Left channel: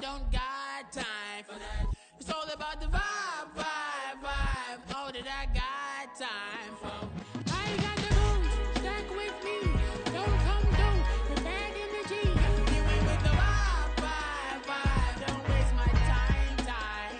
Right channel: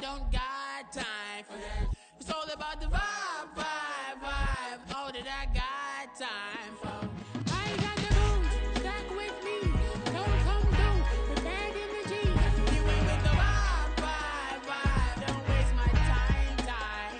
don't got time for that. It's all about the vibe, vibe, vibe. Oh, that I got time for. I got the moves, stack with me. Don't come through with bad energy. You ain't with the vibe, vibe, vibe. Don't waste my time, time.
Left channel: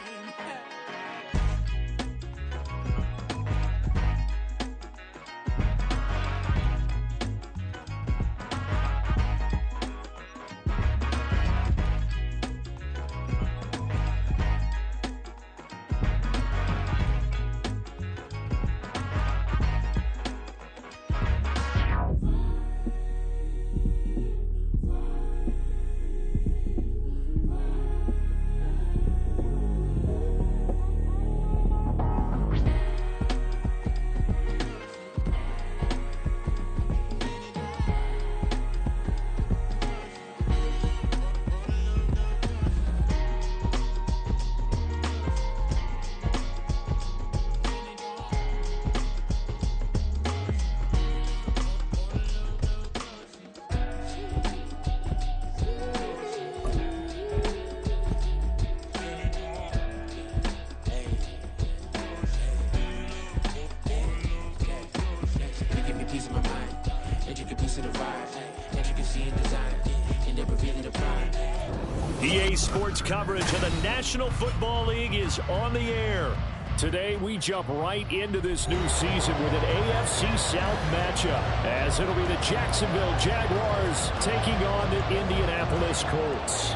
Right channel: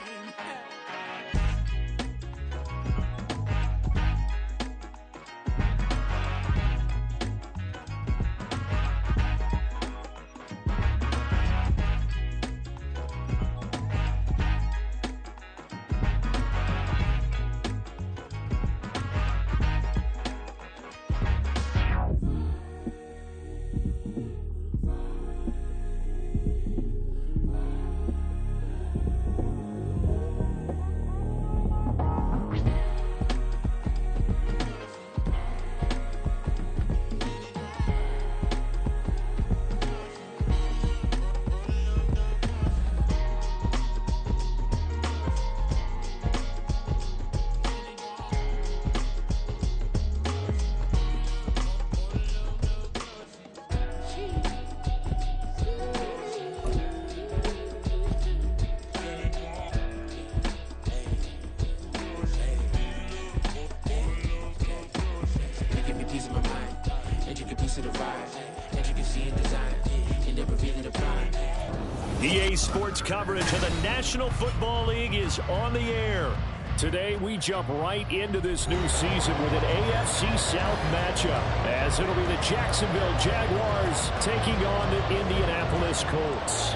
EA Sports coverage of the National Football League is on the air. Today, we jump right into this new season with an AFC South matchup, as it'll be the Jacksonville Jaguars taking on the Indianapolis Colts.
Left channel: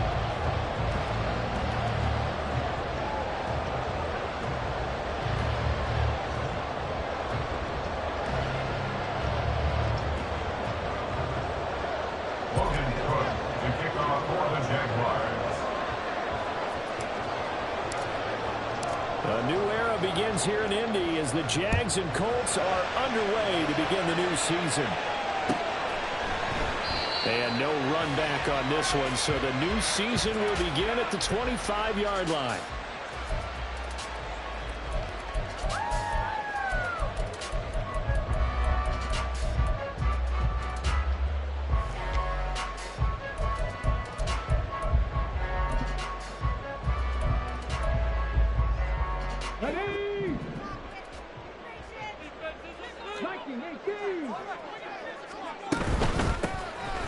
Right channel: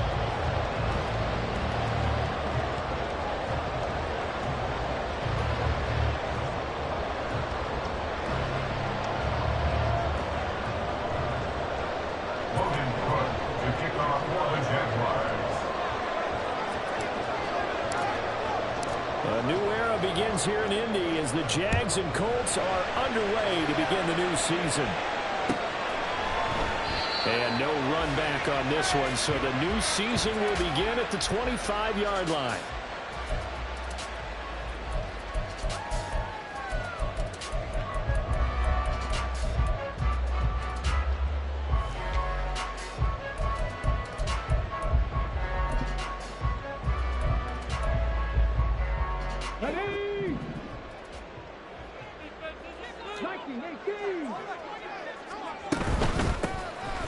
A new era begins here in Indy as the Jags and Colts are underway to begin the new season. And no run back on this one, so the new season will begin at the 25-yard line.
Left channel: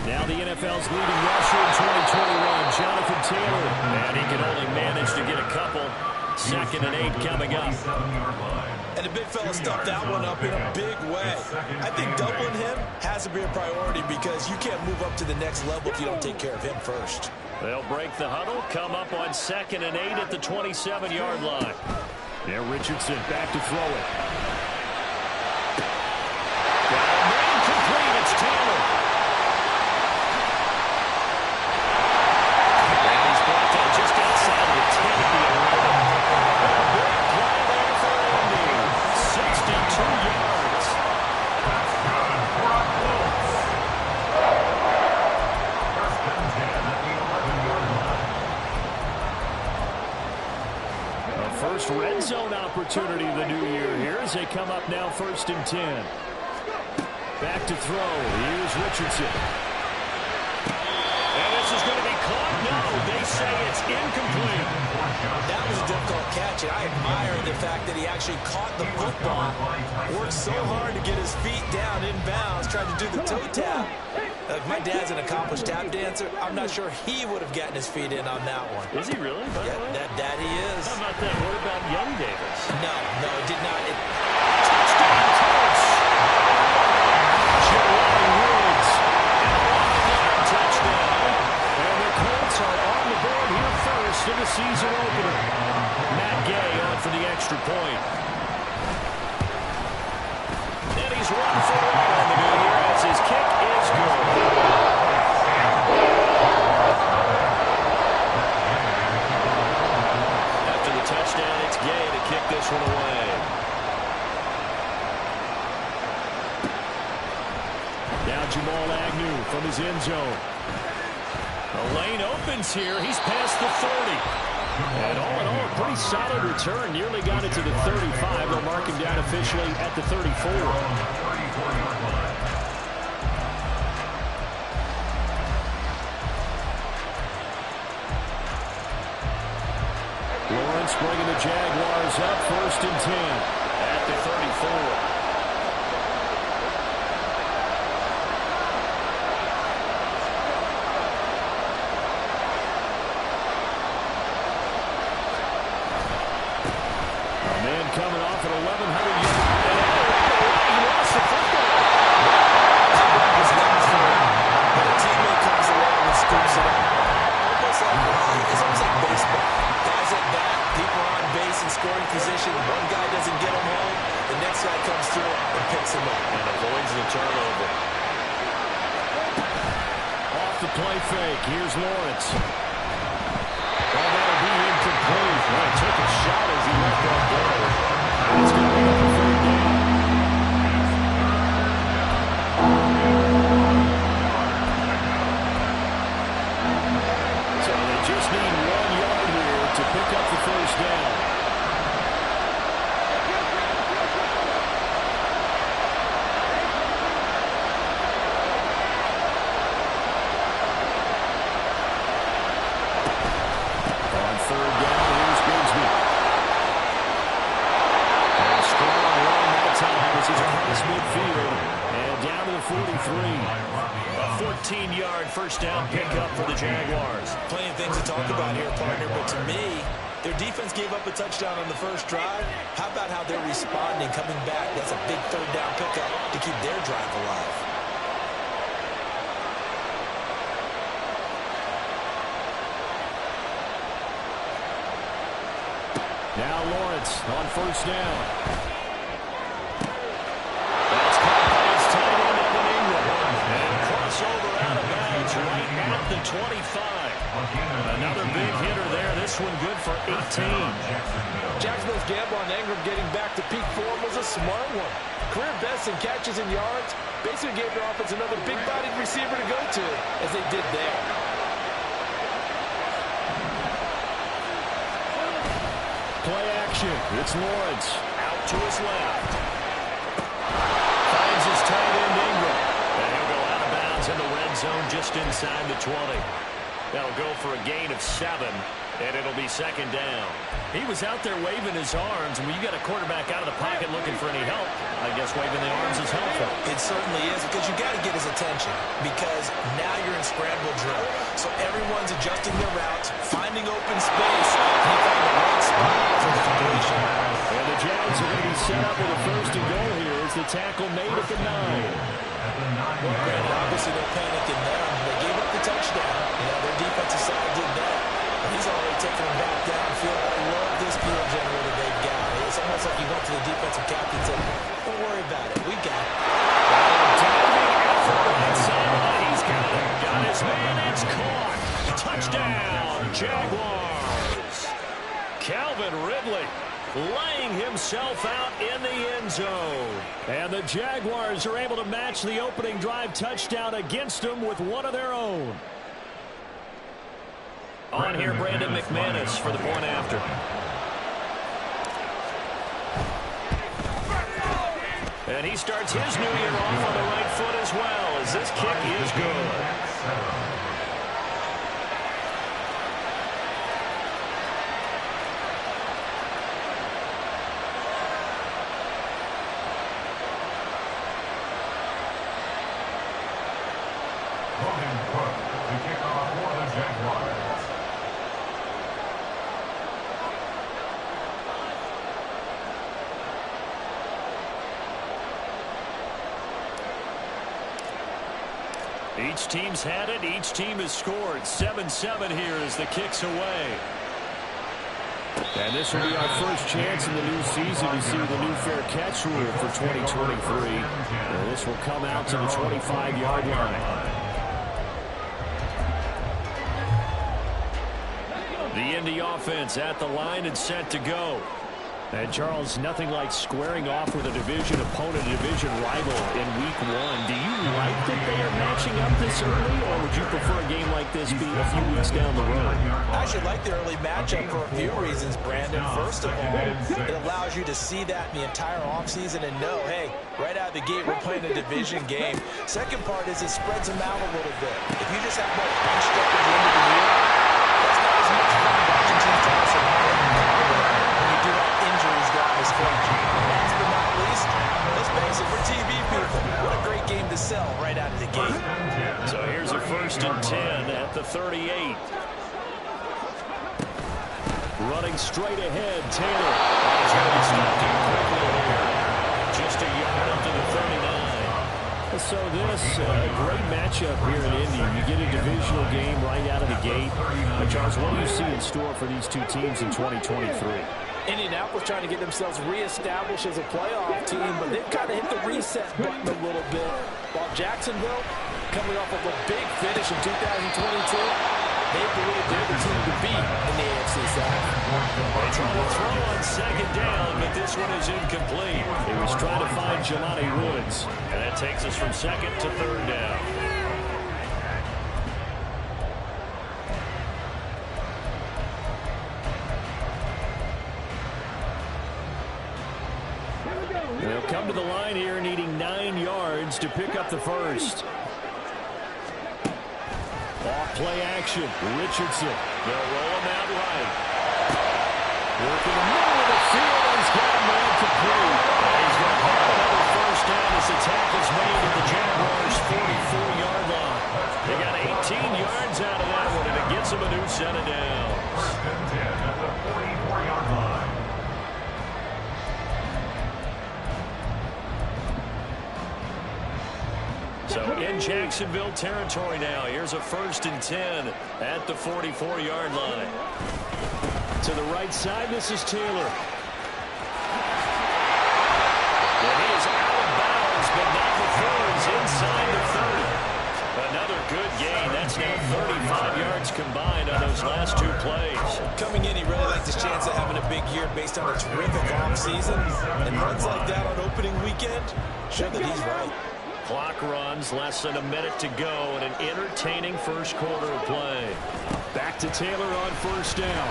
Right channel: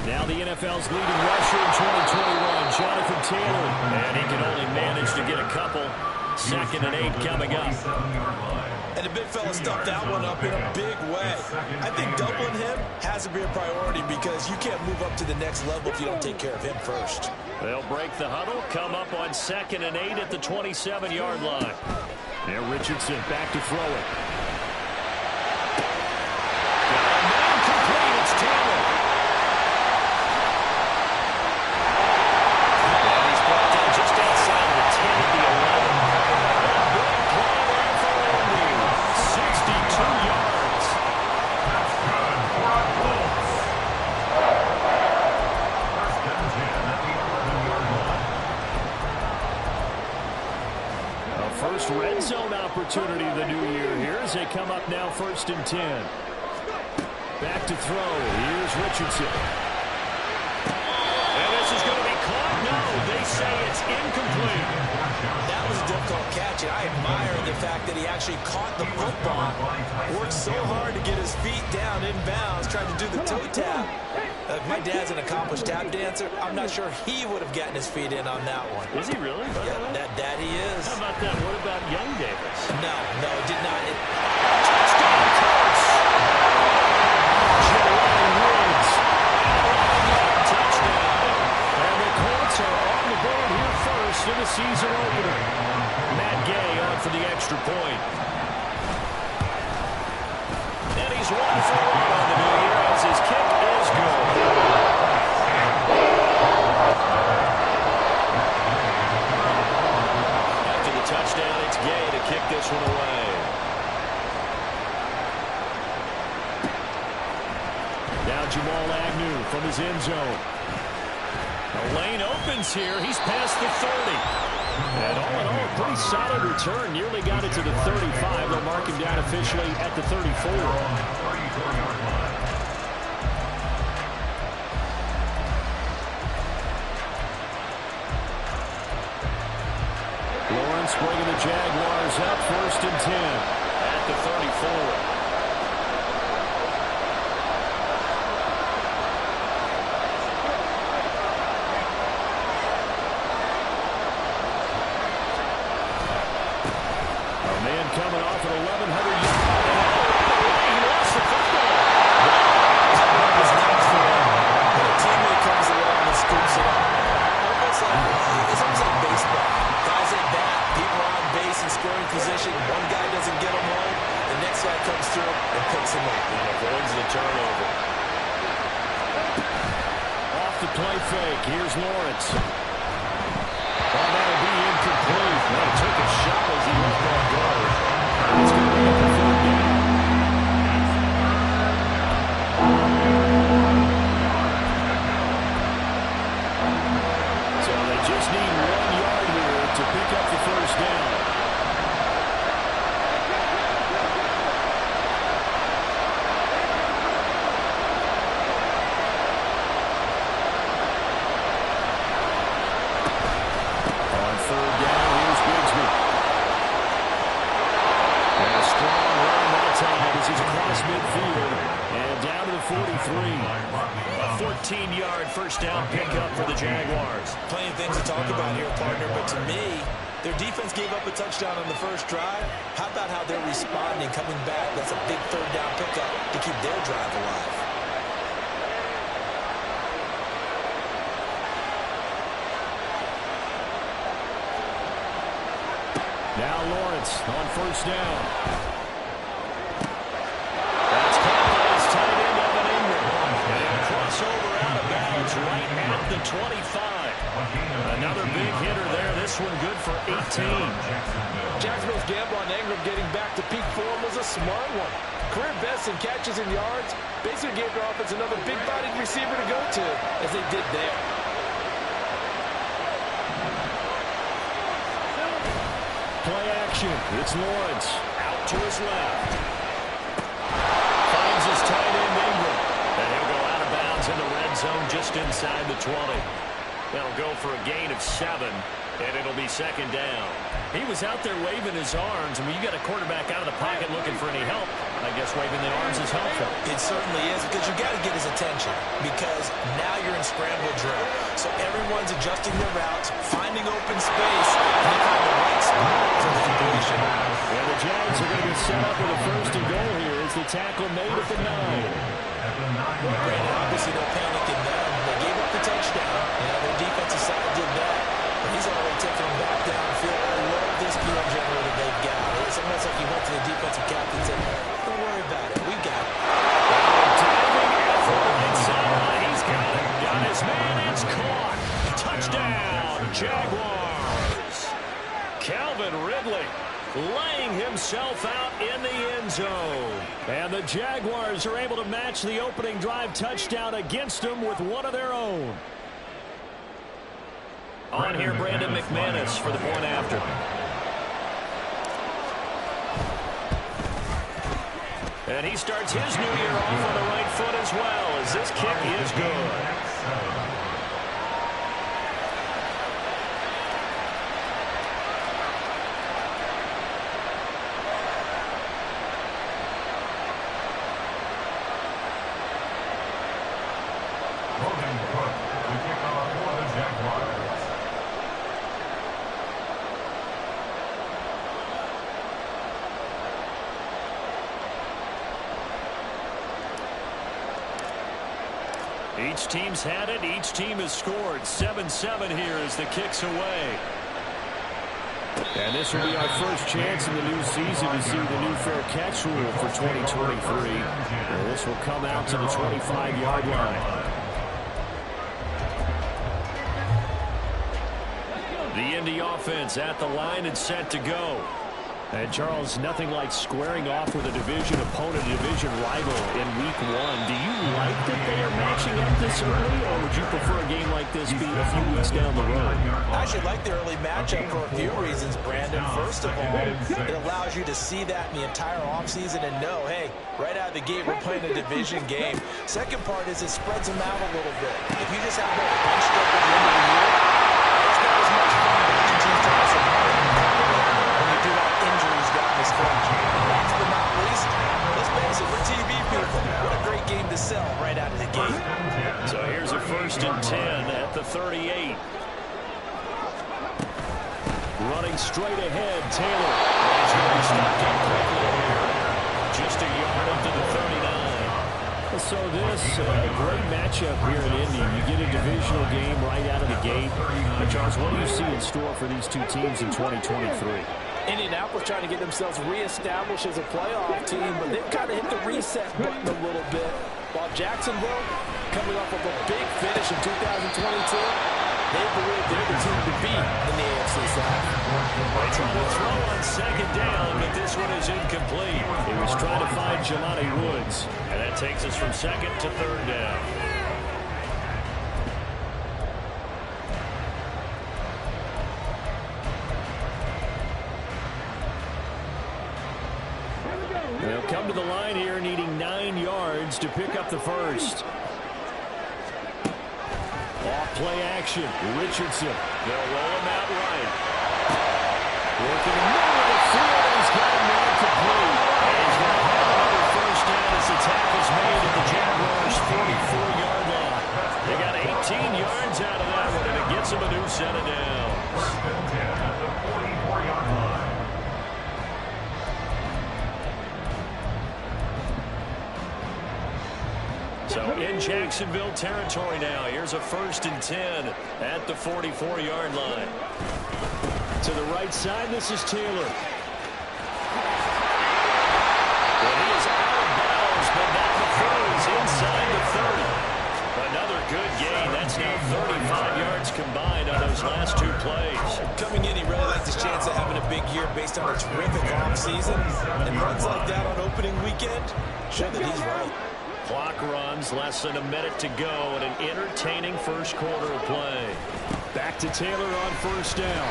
Now the NFL's leading rusher in 2021, Jonathan Taylor. And he can only manage to get a couple. 2nd and 8 coming up. And the big fella stuffed that one up in a big way. I think doubling him has to be a priority because you can't move up to the next level if you don't take care of him first. They'll break the huddle, come up on 2nd and 8 at the 27-yard line. Now Richardson back to throw it. Got a man complete. It's Taylor. And he's brought down just outside the 10 at the 11. A big play there for Indy. 62 yards. That's good for a Colts. First and 10 at the 11-yard line. A first red zone opportunity the new year here as they come up now 1st and 10. Back to throw. Here's Richardson. And this is going to be caught. No, they say it's incomplete. That was a difficult catch, and I admire the fact that he actually caught the football. Worked so hard to get his feet down in bounds, tried to do the toe tap. My dad's an accomplished tap dancer. I'm not sure he would have gotten his feet in on that one. Is he really? Yeah, that he is. How about that? What about Young Davis? No, it did not. Touchdown, Colts! Jelani Woods, and a 11-yard touchdown. And the Colts are on the board here first in the season opener. Matt Gay on for the extra point. And he's 1 for 1 on the new year as his kick is good. After the touchdown, it's Gay to kick this one away. Now Jamal Agnew from his end zone. The lane opens here. He's past the 30. And all in all, a pretty solid return. Nearly got it to the 35. They'll mark him down officially at the 34. Lawrence bringing the Jaguars up 1st and 10. At the 34. Man coming off at 1,100 yards. And right away, he lost the football. That ball was not for him. But a teammate comes along and scoops it up. It's almost like baseball. Guys at bat, people are on base in scoring position. One guy doesn't get him home. The next guy comes through and picks him up. And avoids the turnover. Off the play fake. Here's Lawrence. Oh, that'll be incomplete. Well, he took a shot as he let that go. It's going to bring up a 3rd down. So they just need 1 yard here to pick up the 1st down. On 3rd down, here's Bigsby. And a strong run that time as he's across midfield and down to the 43. A 14-yard 1st down pickup for the Jaguars. Plenty of things to talk about here, partner, but to me, their defense gave up a touchdown on the first drive. How about how they're responding, coming back? That's a big 3rd down pickup to keep their drive alive. Now Lawrence on 1st down. That's caught by his tight end, Evan Ingram. And he'll cross over out of bounds right at the 25. Another big hitter there. This one good for 18. Jacksonville's gamble on Ingram getting back to peak form was a smart one. Career best in catches and yards. Basically gave their offense another big-bodied receiver to go to, as they did there. Play action. It's Lawrence out to his left. Finds his tight end Ingram. And he'll go out of bounds in the red zone just inside the 20. That'll go for a gain of 7, and it'll be 2nd down. He was out there waving his arms, and when you got a quarterback out of the pocket looking for any help, I guess waving the arms is helpful. It certainly is, because you got to get his attention, because now you're in scramble drill. So everyone's adjusting their routes, finding open space, and he found the right spot for the completion. And the Jags are going to be set up with a 1st and goal here as the tackle made at the 9. Granted, obviously no panic in them. They gave up the touchdown. You know, their defensive side did that. But he's already taken them back downfield. I love this field generator they've got. It's almost like he went to the defensive captain and said, don't worry about it. We got it. Diving effort right sideline. He's got it. Got his man. It's caught. Touchdown, Jaguars. Calvin Ridley laying himself out in the end zone. And the Jaguars are able to match the opening drive touchdown against them with one of their own. On here, Brandon McManus for the point after. And he starts his new year off on the right foot as well, as this kick is good. Logan Cook to kick off for the Jaguars. Each team's had it. Each team has scored. 7-7 here as the kick's away. And this will be our first chance in the new season to see the new fair catch rule for 2023. And this will come out to the 25-yard line. The Indy offense at the line and set to go. And, Charles, nothing like squaring off with a division opponent, a division rival in Week 1. Do you like that they are matching up this early, or would you prefer a game like this be a few weeks down the road? I actually like the early matchup for a few reasons, Brandon. First of all, it allows you to see that in the entire offseason and know, hey, right out of the gate, we're playing a division game. Second part is it spreads them out a little bit. If you just have both bunched up at the end of the year, that's not as much fun watching teams trying to survive. this one. And last but not least, let's face it, we're TV people. What a great game to sell right out of the gate. So here's a 1st and 10 at the 38. Running straight ahead, Taylor. And he's going to be stopped in quickly here. Just a yard up to the 39. So this, a great matchup here in Indy. You get a divisional game right out of the gate. Charles, what do you see in store for these two teams in 2023? Indianapolis trying to get themselves reestablished as a playoff team, but they've kind of hit the reset button a little bit. While Jacksonville, coming off of a big finish in 2022, they believe they're the team to beat in the AFC South. They try to throw on 2nd down, but this one is incomplete. He was trying to find Jelani Woods, and that takes us from 2nd to 3rd down. They'll come to the line here needing 9 yards to pick up the first. Off play action. Richardson. They'll roll him out right. Working the middle of the field, and he's got a man complete. And he's going to have another first down as the tackle's made at the Jaguars' 44-yard line. They got 18 yards out of that one, and it gets them a new set of downs. 1st and 10 at the 44-yard line. So in Jacksonville territory now. Here's a 1st and 10 at the 44-yard line. To the right side, this is Taylor. And he is out of bounds, but not before he's inside the 30. Another good gain. That's now 35 yards combined on those last 2 plays. Coming in, he really likes his chance of having a big year based on a terrific offseason. And runs like that on opening weekend show that he's right. Clock runs, less than a minute to go, and an entertaining first quarter of play. Back to Taylor on 1st down.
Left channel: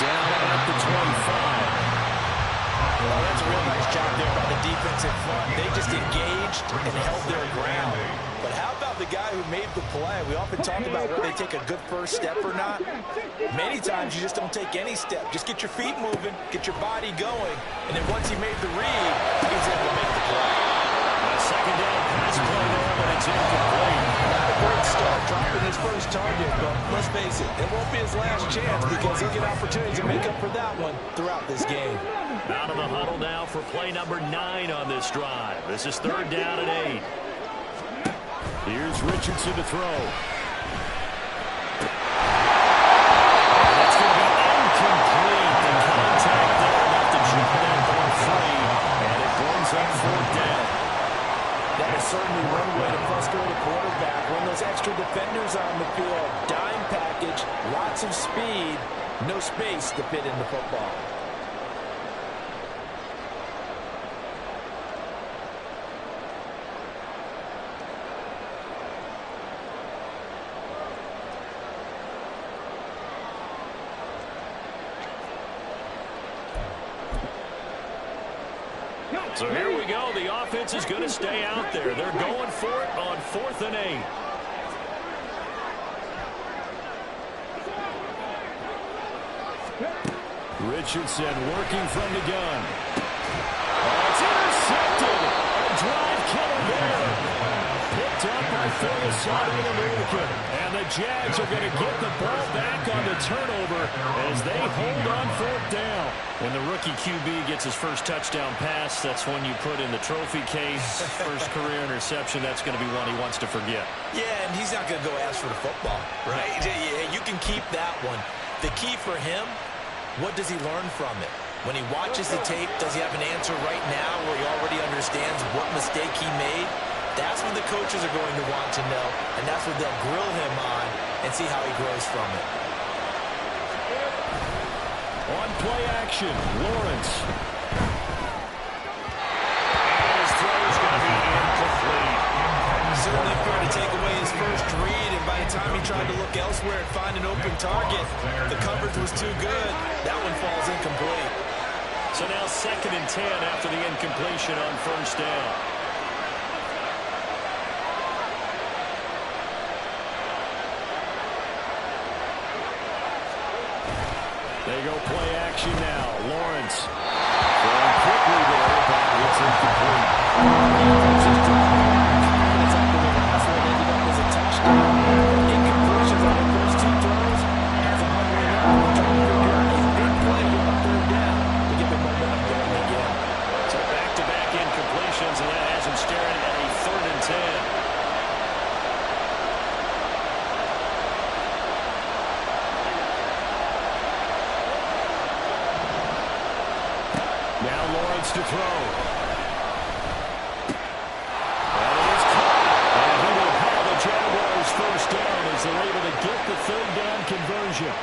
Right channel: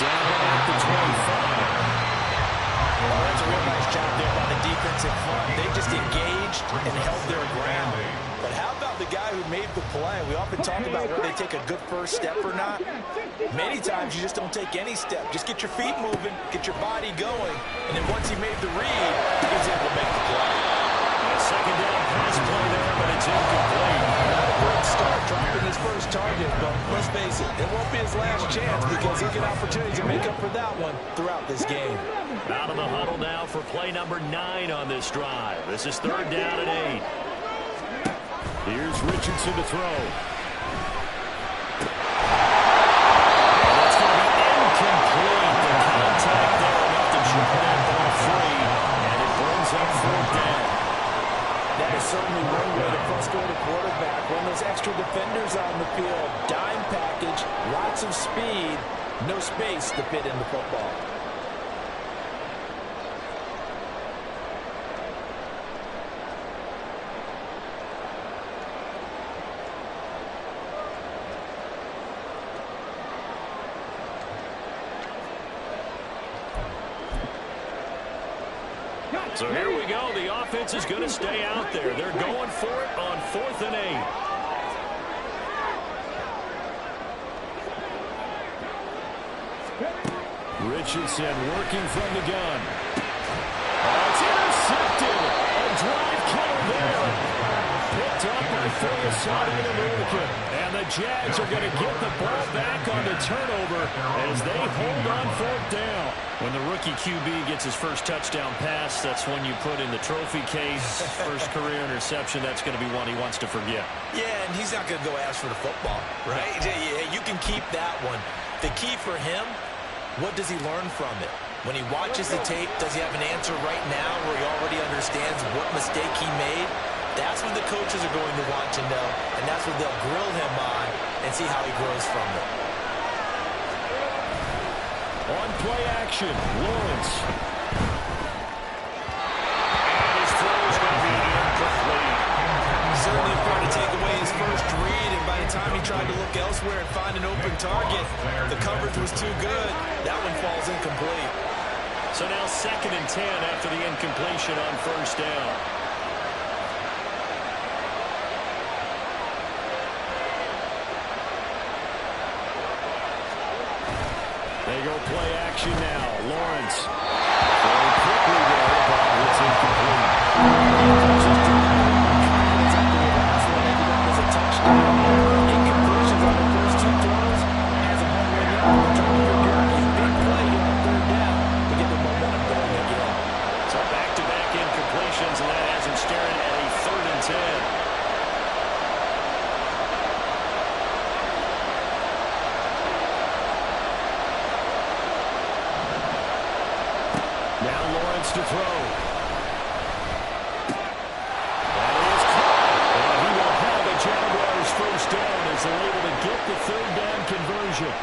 Down at the 25. Well, that's a real nice job there by the defensive front. They just engaged and held their ground. But how about the guy who made the play? We often talk about whether they take a good first step or not. Many times you just don't take any step. Just get your feet moving, get your body going, and then once he made the read, he was able to make the play. A 2nd down pass play there, but it's incomplete. Not a great start, dropping his first target, but let's face it, it won't be his last chance because he'll get opportunities to make up for that one throughout this game. Out of the huddle now for play number 9 on this drive. This is 3rd down and 8. Here's Richardson to throw. And that's going to be incomplete. The contact there enough to chip that ball free, and it brings up 4th down. That is certainly one way to frustrate a quarterback. Run those extra defenders on the field. Dime package, lots of speed, no space to fit in the football. So here we go. The offense is going to stay out there. They're going for it on 4th and 8. Richardson working from the gun. Oh, it's intercepted. A drive killer there. Picked up by Philosophy American. And the Jags are going to get the ball back on the turnover as they hold on 4th down. When the rookie QB gets his first touchdown pass, that's when you put in the trophy case. First career interception, that's going to be one he wants to forget. Yeah, and he's not going to go ask for the football, right? Yeah, you can keep that one. The key for him, what does he learn from it? When he watches the tape, does he have an answer right now where he already understands what mistake he made? That's what the coaches are going to want to know, and that's what they'll grill him on and see how he grows from it. On play action, Lawrence. And his throw is going to be incomplete. Certainly fair to take away his first read, and by the time he tried to look elsewhere and find an open target, the coverage was too good. That one falls incomplete. So now 2nd and 10 after the incompletion on 1st down. They go play action now. Lawrence going quickly there, but it's incomplete. Just dropping confidence after the last one ended up as a touchdown. Incompletions on the first two throws has them wondering up and trying to figure out a big play here on third down to get the momentum going again. So back-to-back incompletions, and that has him staring at a 3rd and 10. Now Lawrence to throw. That is caught. And he will have a Jaguars first down as they're able to get the 3rd down conversion.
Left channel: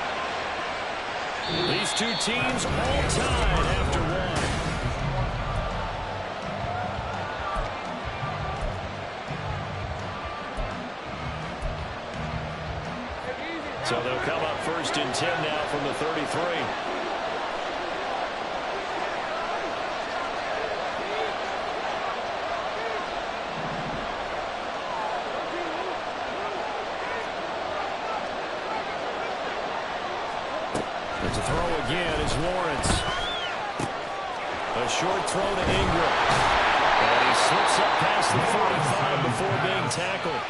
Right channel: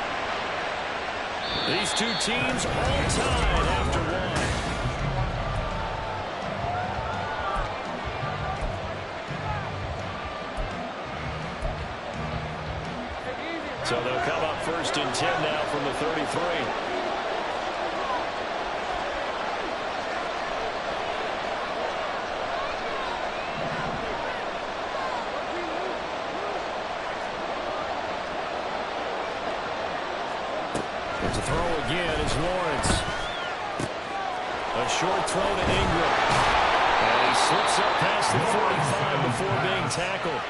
These two teams all tied after one. So they'll come up 1st and 10 now from the 33. To throw again is Lawrence. A short throw to Ingram. And he slips up past the 45 before being tackled.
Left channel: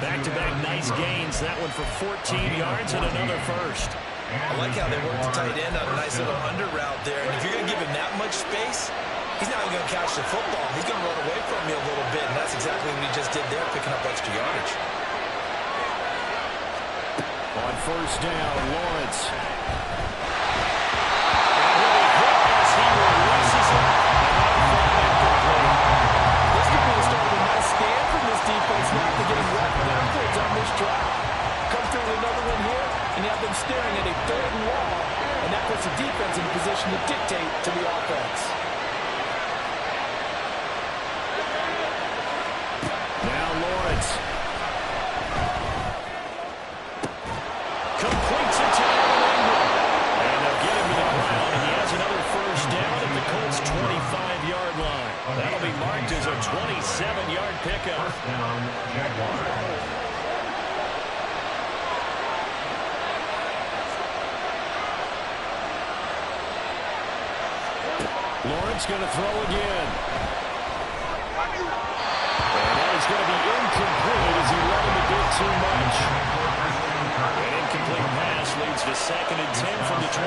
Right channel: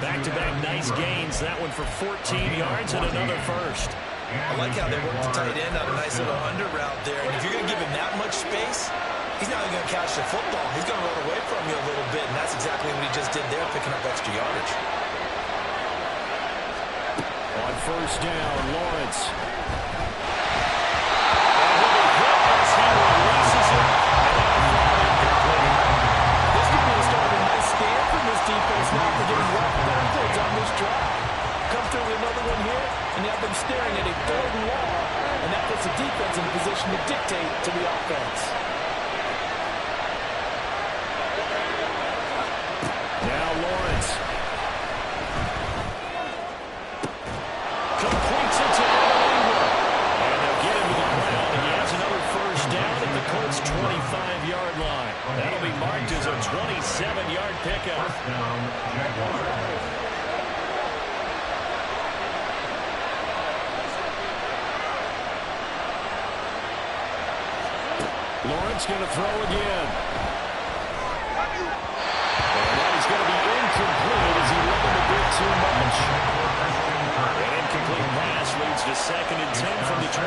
Back-to-back nice gains. That one for 14 yards and another first. I like how they worked the tight end on a nice little under route there. And if you're going to give him that much space, he's not even going to catch the football. He's going to run away from you a little bit, and that's exactly what he just did there, picking up extra yardage. On 1st down, Lawrence. He releases it, and that'll fall incomplete. This could be the start of a nice scan from this defense now for getting wet backwards on this drive. Come through with another one here, and you have them staring at a 3rd and long, and that puts the defense in a position to dictate to the offense. Now Lawrence. Completes it to Evan Ingram. And they'll get him to the ground, and he has another first down at the Colts' 25-yard line. That'll be marked as a 27-yard pickup. First down, Jaguars. Lawrence going to throw again. And that is going to be incomplete as he let him a bit too much. An incomplete pass leads to 2nd and 10 from the 25.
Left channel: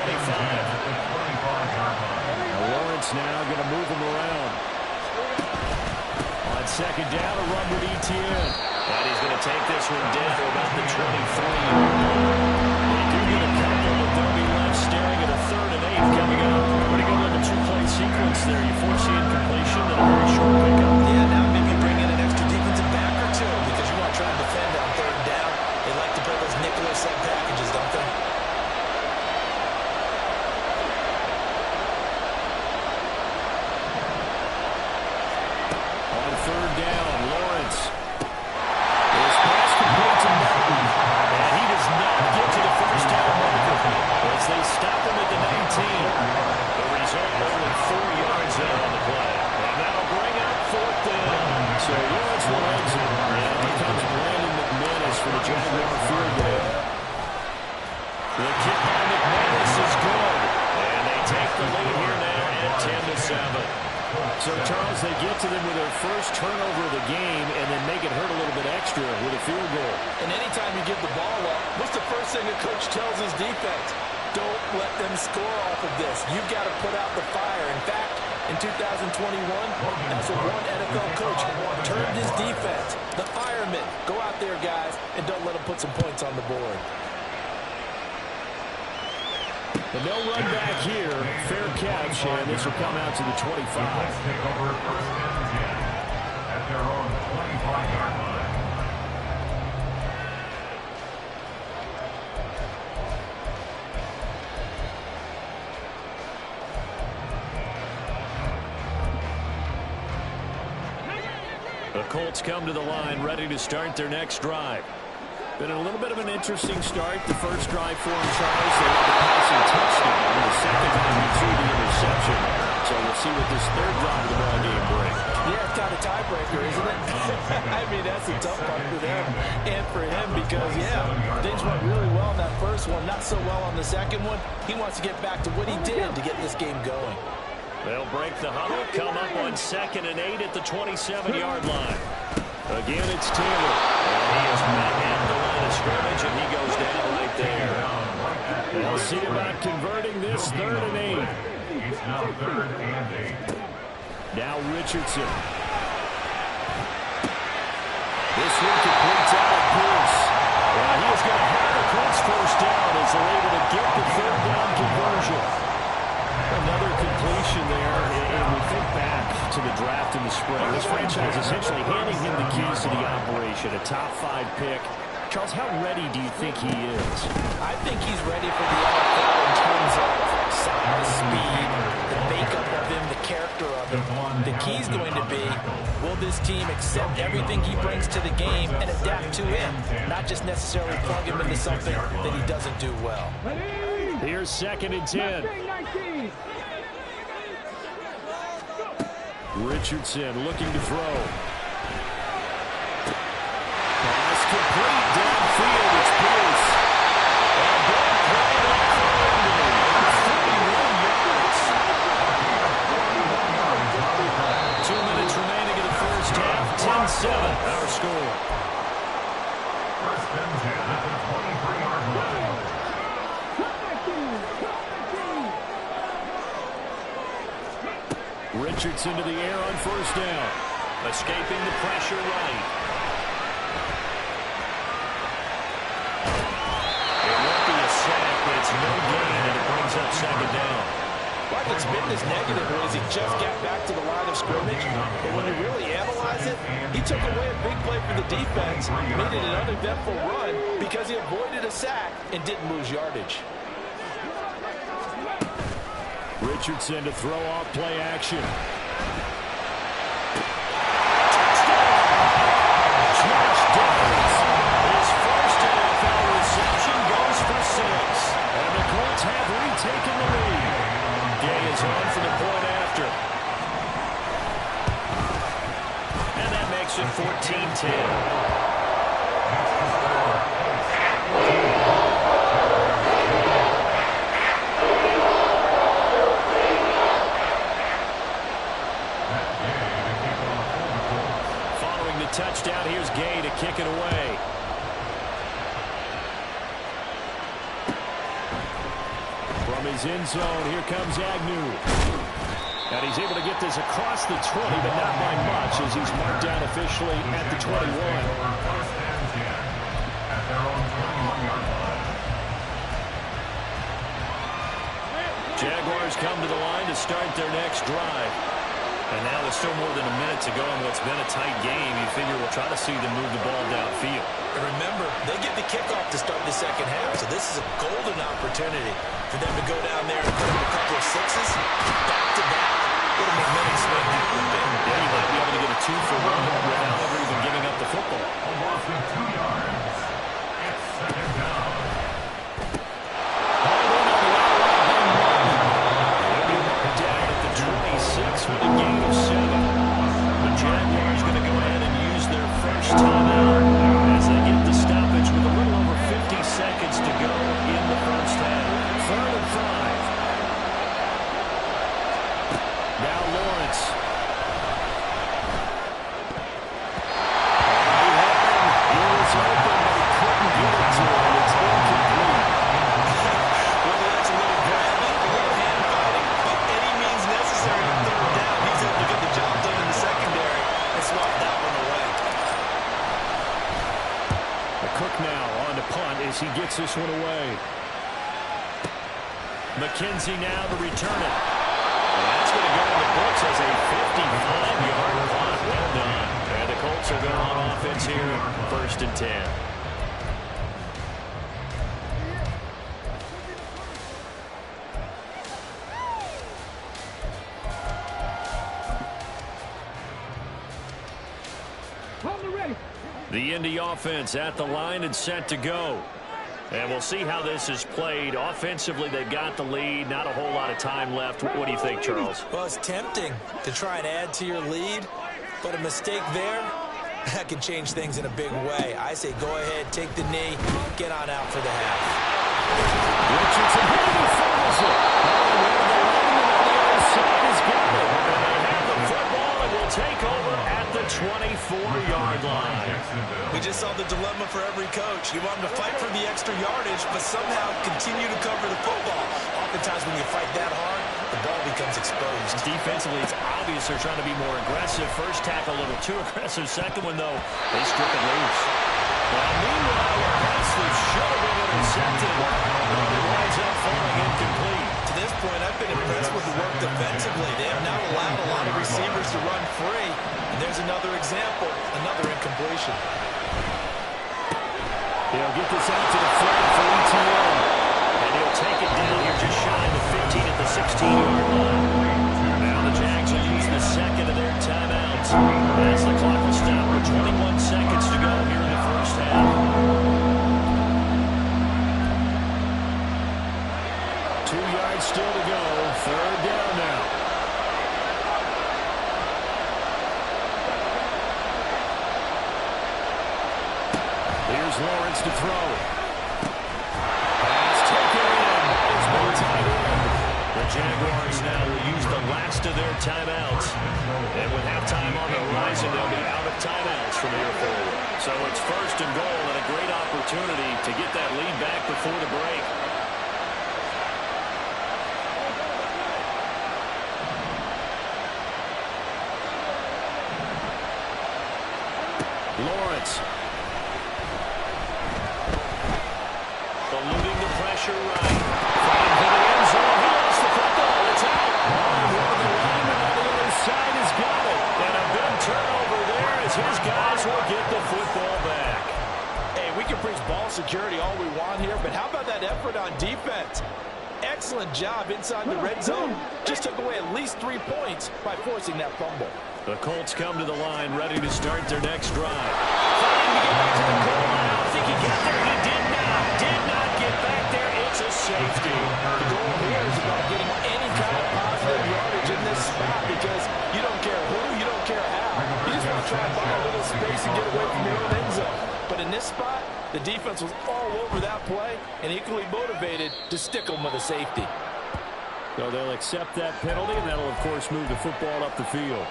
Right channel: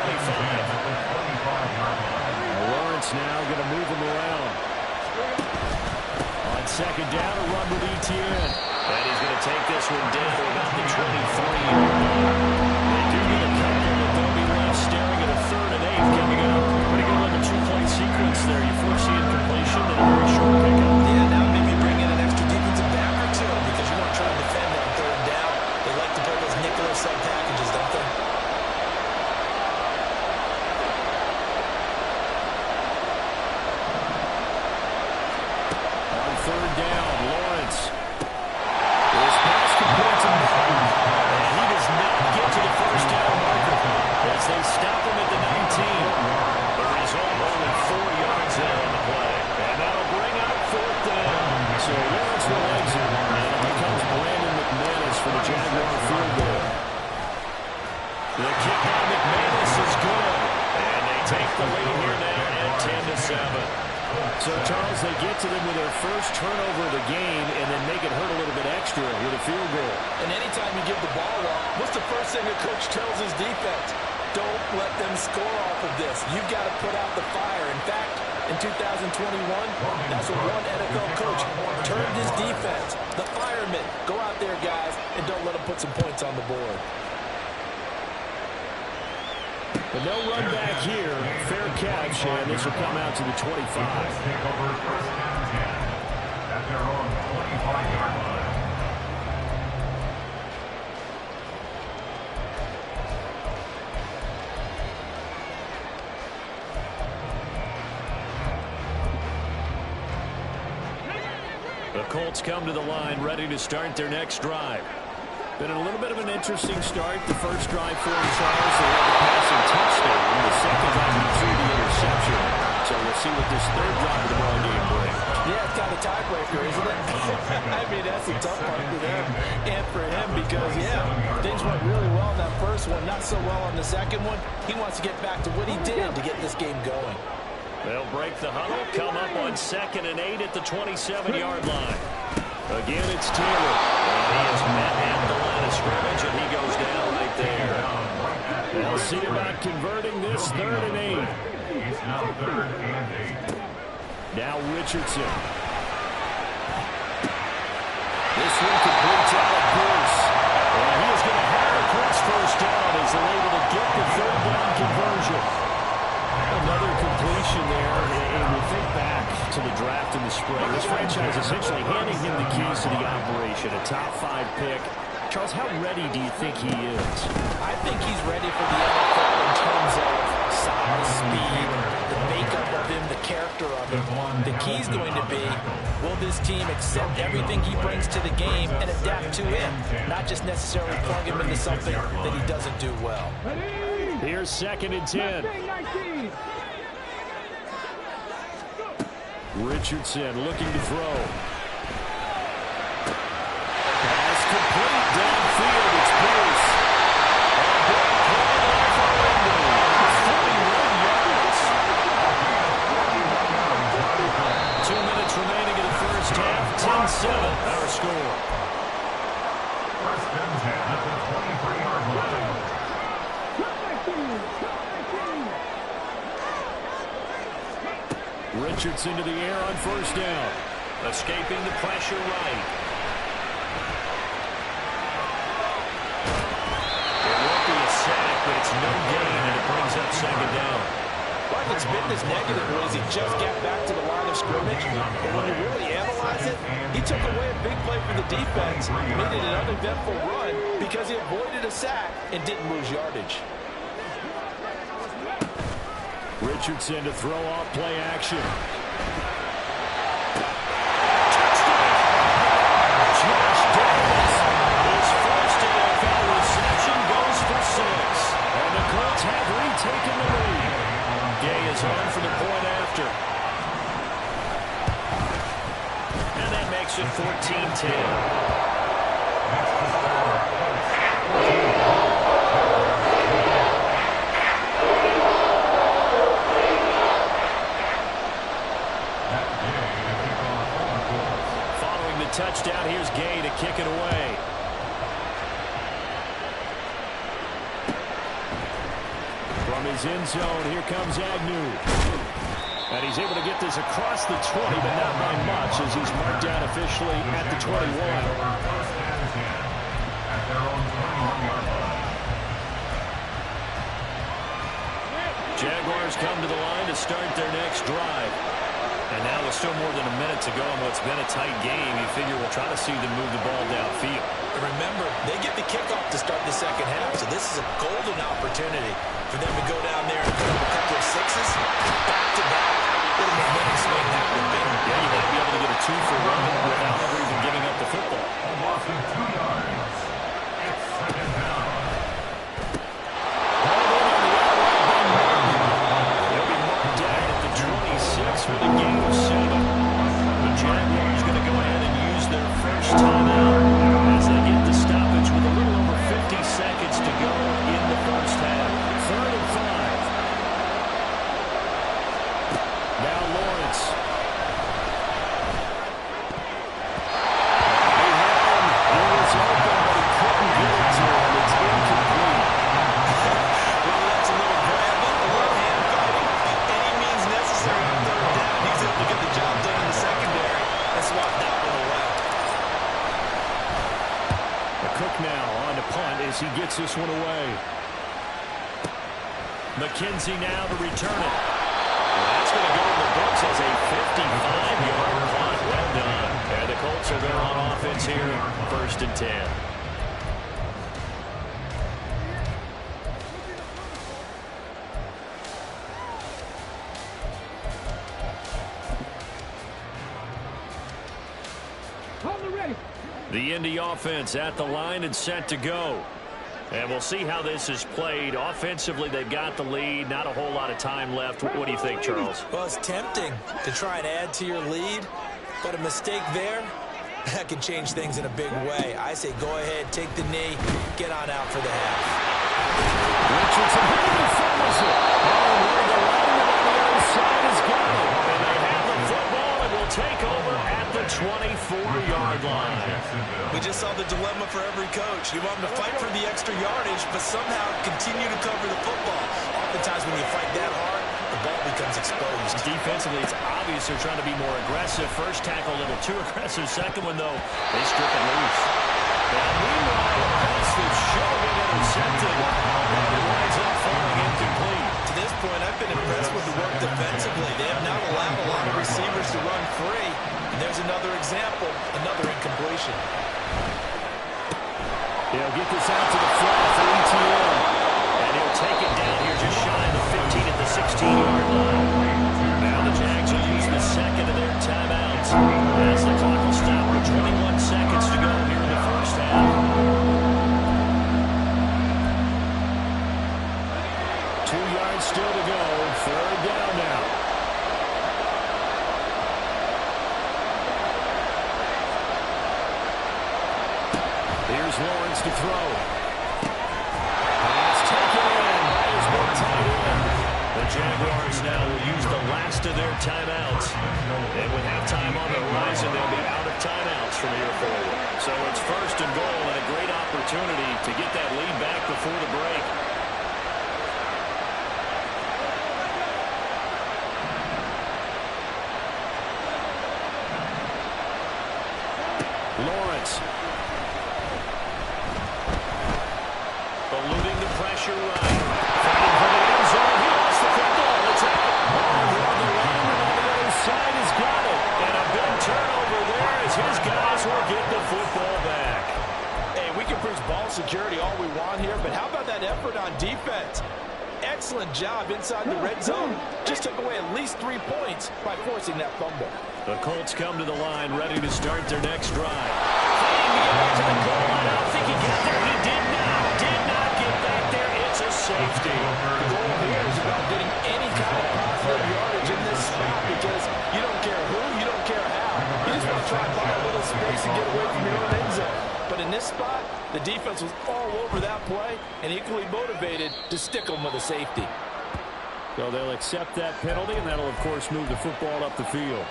Lawrence now going to move him around. On 2nd down, a run with Etienne. And he's going to take this one down to about the 23-yard line. They do get a couple, but they'll be left staring at a 3rd and 8 coming up. Pretty good little 2-play sequence there. You foresee incompletion and a very short pickup. Yeah, now maybe bring in an extra defensive back or two because you want to try and defend on 3rd down. They like to play those nickel or sub packages, don't they? On 3rd down, Lawrence. This pass complete to Martin. And he does not get to the first down marker as they stop him at the 19. The result, only 4 yards there on the play. And that'll bring up 4th down. So Lawrence will exit. And it becomes Brandon McManus for the Jaguar field goal. The kick by McManus is good. And they take the lead here now at 10-7. So, Charles, they get to them with their first turnover of the game and then make it hurt a little bit extra with a field goal. And anytime you give the ball up, what's the first thing a coach tells his defense? Don't let them score off of this. You've got to put out the fire. In fact, in 2021, that's what one NFL coach termed his defense. The firemen. Go out there, guys, and don't let them put some points on the board. But no run back here. Fair catch, and this will come out to the 25. The Colts take over 1st and 10 at their own 25-yard line. The Colts come to the line ready to start their next drive. Been a little bit of an interesting start. The first drive for him, Charles, they had the passing touchdown. The second time he threw the interception. So we'll see what this 3rd drive of the ball game brings. Yeah, it's kind of a tiebreaker, isn't it? I mean, that's the tough part for them and for him because, yeah, things went really well in that first one, not so well on the second one. He wants to get back to what he did to get this game going. They'll break the huddle, come up on 2nd and 8 at the 27-yard line. Again, it's Taylor. And he is met at the line of scrimmage, and he goes down right there. They'll see about converting this 3rd and 8. It's now 3rd and 8. Now Richardson. This one completes out of Pierce. And he is going to have the Colts first down as they're able to get the 3rd down conversion. Another completion there, and we think back to the draft in the spring. This franchise essentially handing him the keys to the operation, a top 5 pick. Charles, how ready do you think he is? I think he's ready for the NFL in terms of size, speed, the makeup of him, the character of him. The key's going to be, will this team accept everything he brings to the game and adapt to it, not just necessarily plug him into something that he doesn't do well. Here's 2nd and 10. Richardson looking to throw. Pass complete downfield. It's Pierce. A big play there for Indy. 41 yards. 2 minutes remaining in the first half. 10-7 our score. First and 10 at the 23-yard line. Richardson to the air on first down. Escaping the pressure right. It won't be a sack, but it's no gain, and it brings up 2nd down. Well, it's been this negative ways he just got back to the line of scrimmage. But when you really analyze it, he took away a big play for the defense, made it an uneventful run because he avoided a sack and didn't lose yardage. Richardson to throw off play action. Touchdown! Josh Downs. His first NFL reception goes for 6. And the Colts have retaken the lead. Gay is on for the point after. And that makes it 14-10. Touchdown. Here's Gay to kick it away. From his end zone, here comes Agnew. And he's able to get this across the 20, but not by much as he's marked down officially at the 21. First and 10 at their own 21-yard line. Jaguars come to the line to start their next drive. And now with still more than a minute to go in what's been a tight game, you figure we'll try to see them move the ball downfield. And remember, they get the kickoff to start the second half, so this is a golden opportunity for them to go down there and put up a couple of sixes, back-to-back. What a momentum swing that would be. Yeah, you might be able to get a 2-for-1 without ever even giving up the football. A loss of 2 yards. It's 2nd down. Hauled in on the outright by Martin. He'll be marked down at the 26 with a gain of 7. The Jaguars going to go ahead and use their first timeout as they get the stoppage with a little over 50 seconds to go in the first half. 3rd and 5. Now Lawrence. He had him. He was open, but he couldn't get it to him. It's incomplete. Well, that's a little grabbing, a little hand fighting. By any means necessary on 3rd down, he's able to get the job done in the secondary and swat that one away. Cook now on to punt as he gets this one away. McKenzie now to return it. Well, that's going to go in the books as a 55-yard punt. Well done. And the Colts will go on offense here, 1st and 10. The Indy offense at the line and set to go. And we'll see how this is played. Offensively, they've got the lead. Not a whole lot of time left. What do you think, Charles? Well, it's tempting to try and add to your lead, but a mistake there That can change things in a big way. I say go ahead, take the knee, get on out for the half. Richardson hit it and fumbles it. Oh, and one of the linemen on the other side has got it. And they have the football and will take over at the 24-yard line. We just saw the dilemma for every coach. You want them to fight for the extra yardage, but somehow continue to cover the football. Oftentimes when you fight that hard, the ball becomes exposed. Defensively, it's obvious they're trying to be more aggressive. First tackle a little too aggressive. Second one, though, they strip it loose. Now, meanwhile, a pass that should have been intercepted, and it winds up falling incomplete. To this point, I've been impressed with the work defensively. They have now allowed a lot of receivers to run free. And there's another example, another incompletion. He'll get this out to the flat for ETN. And he'll take it down here just shy of the 15 at the 16-yard line. Now the Jags will use the second of their timeouts as the clock will stop with 21 seconds to go here in the first half. 2 yards still to go. Third down now. Here's Lawrence to throw. Pass taken in by his big tight end. The Jaguars now will use the last of their timeouts. And with halftime on the horizon, they'll be out of timeouts from here forward. So it's first and goal and a great opportunity to get that lead back before the break. Lawrence. Eluding the pressure right. Fighting for the end zone. He lost the football. It's out. Oh, one of the linemen on the other side has got it. And a big turnover there as his guys will get the football back. Hey, we can preach ball security all we want here, but how about that effort on defense? Excellent job inside the red zone. Just took away at least 3 points by forcing that fumble. The Colts come to the line ready to start their next drive. Fighting to get back to the goal line. I don't think he got there. He did not. Did not get back there. It's a safety. The goal here is about getting any kind of positive yardage in this spot because you don't care who, you don't care how. You just want to try and buy a little space and get away from your own end zone. But in this spot, the defense was all over that play and equally motivated to stick them with a safety. So they'll accept that penalty, and that'll, of course, move the football up the field.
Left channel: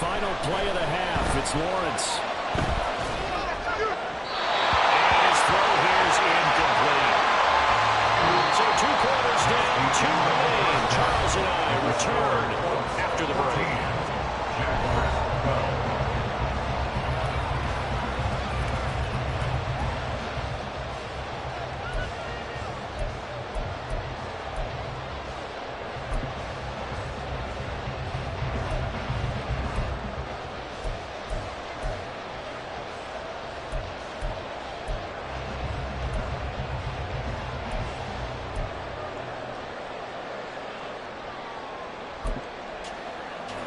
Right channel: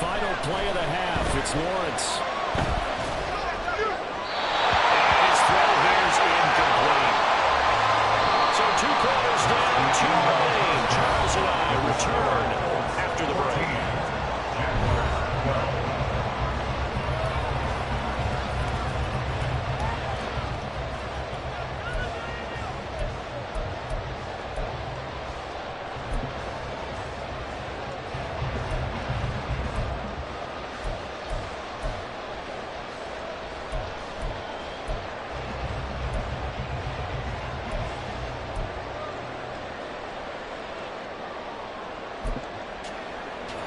Final play of the half. It's Lawrence. And his throw here is incomplete. So 2 quarters down, 2 remain. Charles and I return after the break. Jaguars 12.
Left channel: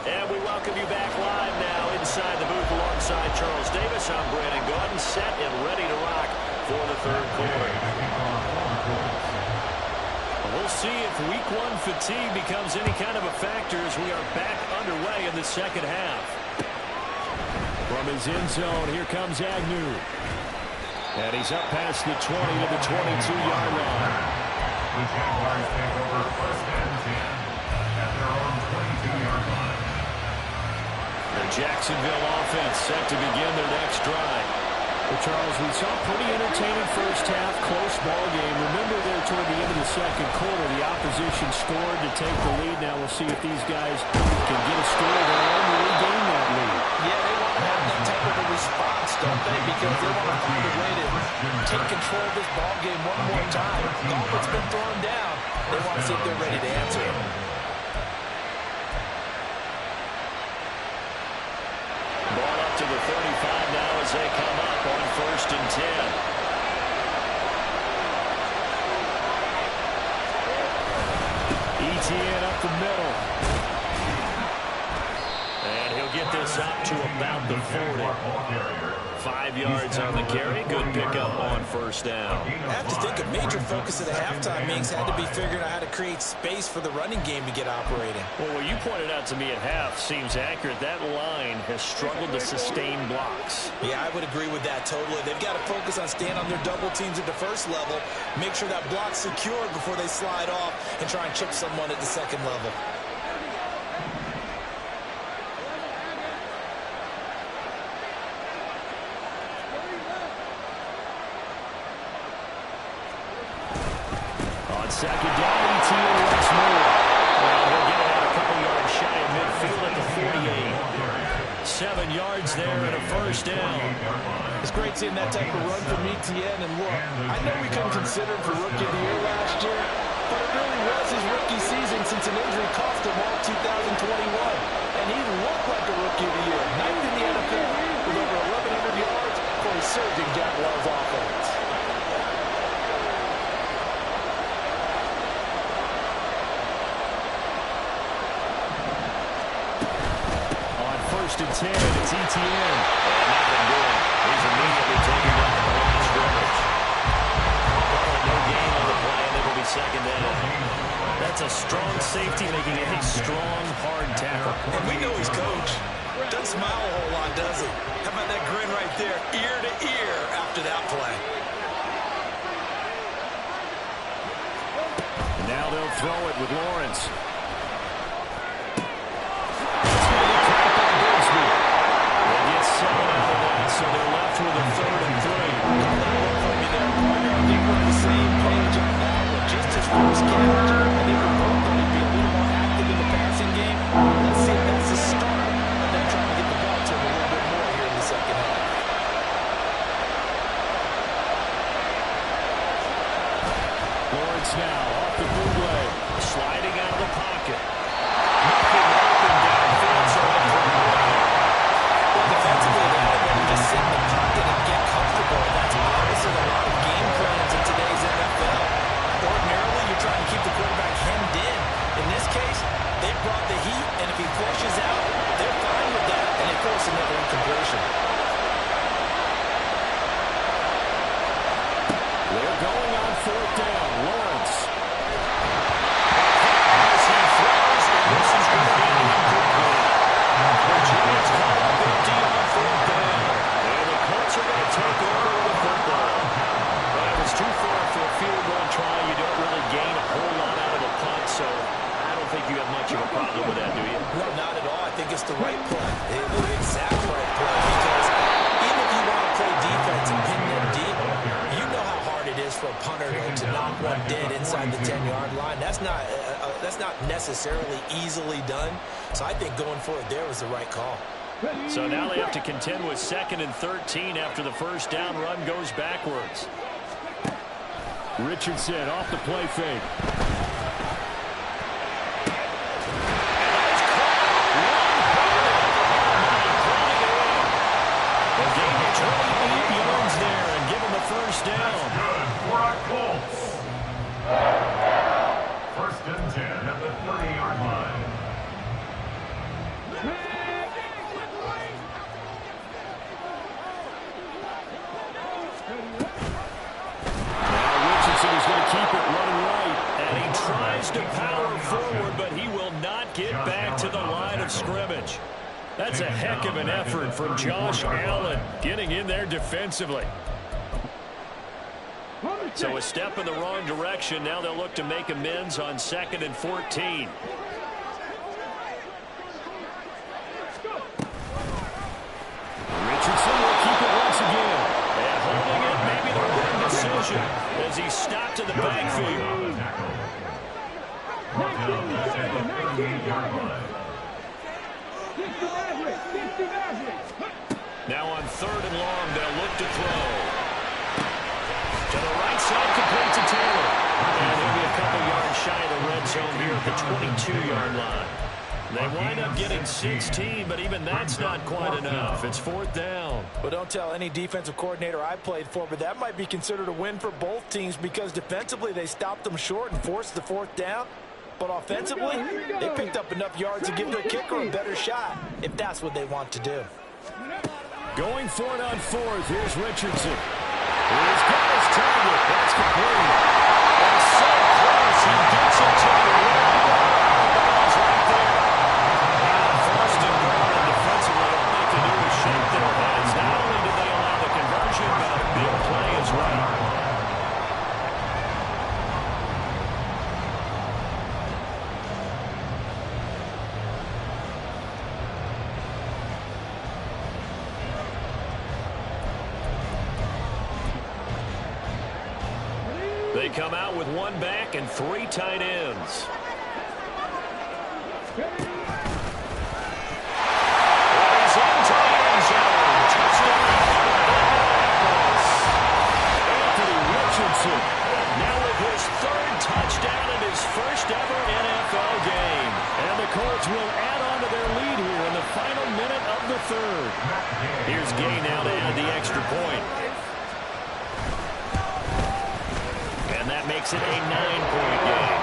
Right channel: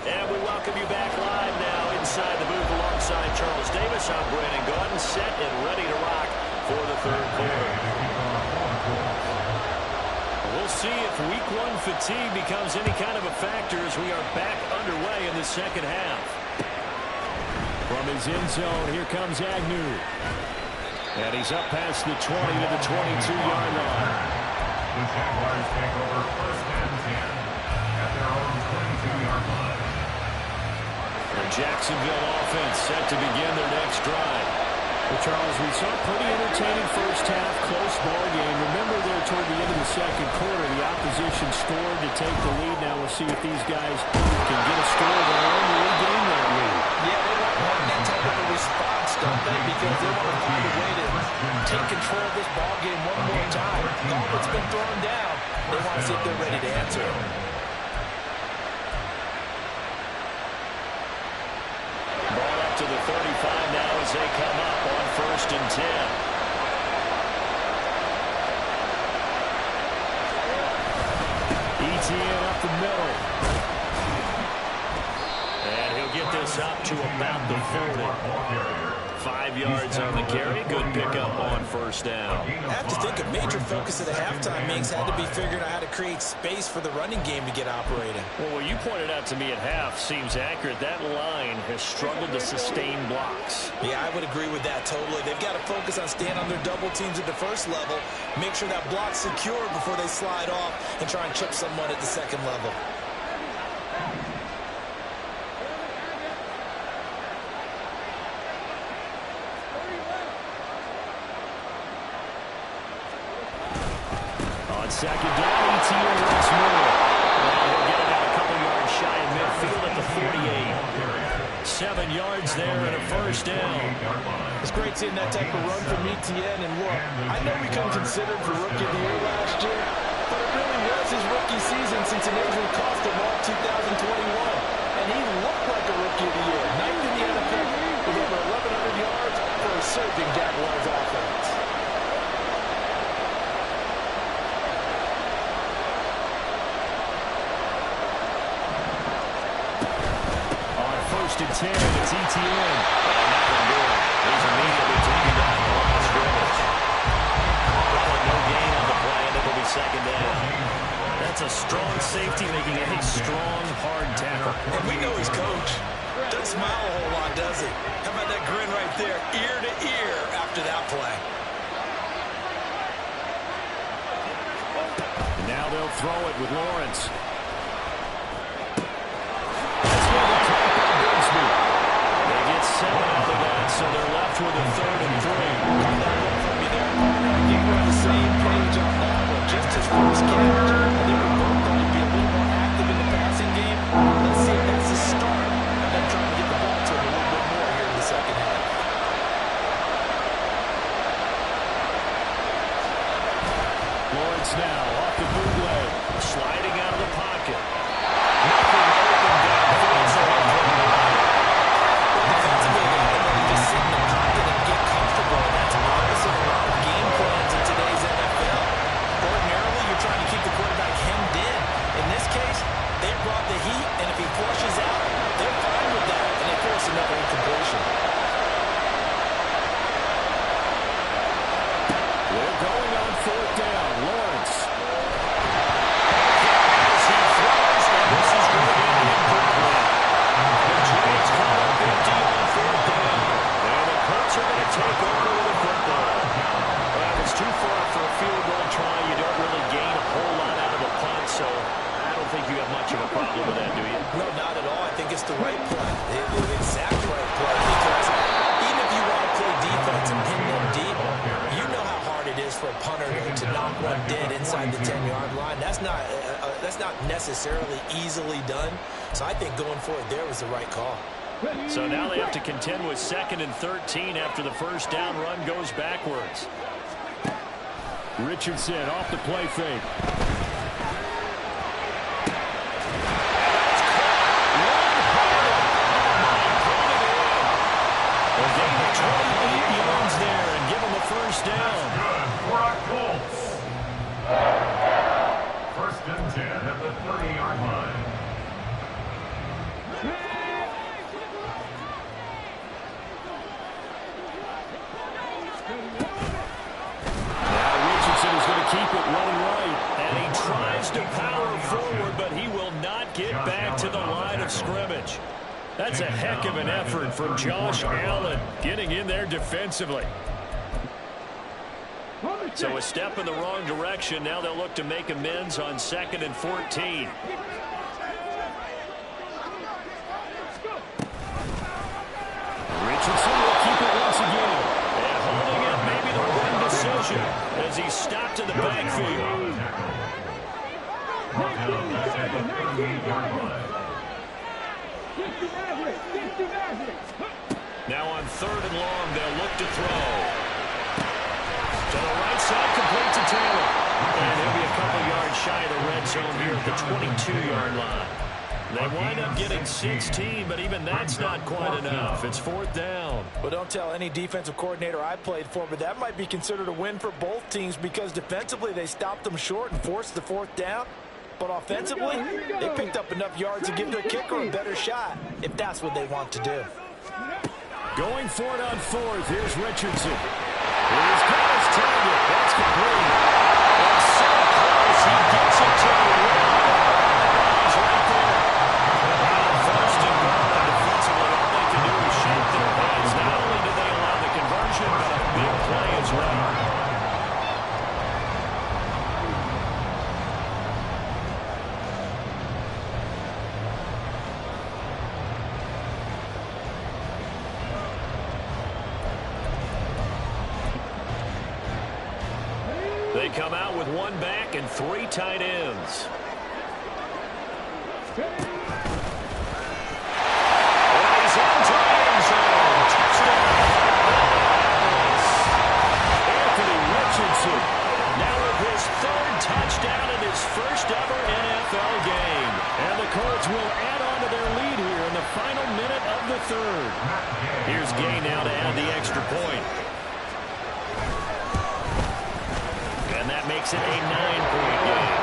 And we welcome you back live now inside the booth alongside Charles Davis. I'm Brandon Gaudin, set and ready to rock for the third quarter. We'll see if week 1 fatigue becomes any kind of a factor as we are back underway in the second half. From his end zone, here comes Agnew. And he's up past the 20 to the 22-yard line. The Jaguars take over first and 10 at their own 22-yard line. The Jacksonville offense set to begin their next drive. Well, Charles, we saw a pretty entertaining first half, close ball game. Remember there toward the end of the second quarter, the opposition scored to take the lead. Now we'll see if these guys can get a score of their own to regain that lead. Yeah, they want to have that type of a response, don't they? Because they want to find a way to take control of this ball game one more time. Gauntlet's been thrown down. They want to see if they're ready to answer it. Ball up to the 35 now as they come up on first and 10. ETN up the middle. And he'll get this up to about the 40. 5 yards on the carry. Good pickup on first down. I have to think a major focus of the halftime meetings had to be figuring out how to create space for the running game to get operating. Well, what you pointed out to me at half seems accurate. That line has struggled to sustain blocks. Yeah, I would agree with that totally. They've got to focus on staying on their double teams at the first level, make sure that block's secure before they slide off and try and chip someone at the second level. Second down, ETN once more. Well, he'll get it out a couple yards shy of midfield at the 48. 7 yards there and a first down. It's great seeing that type of run from ETN. And look, I know we couldn't consider him for Rookie of the Year last year, but it really was his rookie season since an injury cost him all 2021. And he looked like a Rookie of the Year. 9th in the NFL with over 1,100 yards for a surging Jaguars offense. First and 10, it's ETN. And nothing doing. He's immediately taken down the line of scrimmage. Calling no gain on the play, and it'll be second down. That's a strong safety making a strong, hard tackle. And we know he's coach. Doesn't smile a whole lot, does he? How about that grin right there, ear to ear after that play? And now they'll throw it with Lawrence. They get 7 out of that, so they're left with a 3rd and 3. That look from you there, partner. I think we're on the same page on that one. Just his first catch. I think we both thought he'd be a little more active in the passing game. Let's see if that's the start of them trying to get the ball to him a little bit more here in the second half. Lawrence now off the bootleg, sliding out of the pocket. Nothing open downfield, so he'll throw it away. Well, defensively, they had to let him just sit in the pocket and get comfortable. That's opposite a lot of game plans in today's NFL. Ordinarily, you're trying to keep the quarterback hemmed in. In this case, they brought the heat, and if he flushes out, they're fine with that, and they force another incompletion. They're going on 4th down. Lawrence. As he throws, and this is going to be incomplete. The Giants come up empty on 4th down. And the Colts are going to take over with the football. Well, if it's too far for a field goal try, you don't really gain a whole lot out of a punt, so I don't think you have much of a problem with that, do you? No, not at all. I think it's the right play, the exact right play, because even if you want to play defense and pin them deep, you know how hard it is for a punter to knock one dead inside the 10-yard line. That's not necessarily easily done. So I think going for it there was the right call. So now they have to contend with 2nd and 13 after the first down run goes backwards. Richardson off the play fake. A gain of 28 yards there and give him a first down. Good for our Colts. 1st and 10 at the 30-yard line. Now Richardson is going to keep it running right. And he tries to power forward, but he will not get back to the line of scrimmage. That's a heck of an effort from Josh Allen getting in there defensively. So a step in the wrong direction. Now they'll look to make amends on 2nd and 14. Richardson will keep it once again. And holding it may be the wrong decision as he's stopped in the backfield. Now on 3rd and long, they'll look to throw. To the right side, complete to Taylor. And he'll be a couple yards shy of the red zone here at the 22-yard line. They wind up getting 16, but even that's not quite enough. It's 4th down. Well, don't tell any defensive coordinator I played for, but that might be considered a win for both teams because defensively they stopped them short and forced the 4th down. But offensively, they picked up enough yards to give their kicker a better shot, if that's what they want to do. Going for it on fourth. Here's Richardson. He's got his target. That's complete. And so close. He gets it to the rim. Bounds right there. And first and goal, and defensively, all they can do is shake their heads. Not only did they allow the conversion, but a big play as well. They come out with one back and three tight ends. Well, he's into the end zone. Touchdown, Indianapolis. Anthony Richardson now with his third touchdown in his first ever NFL game. And the Colts will add on to their lead here in the final minute of the third. Here's Gay now to add the extra point. And that makes it a 9-point game.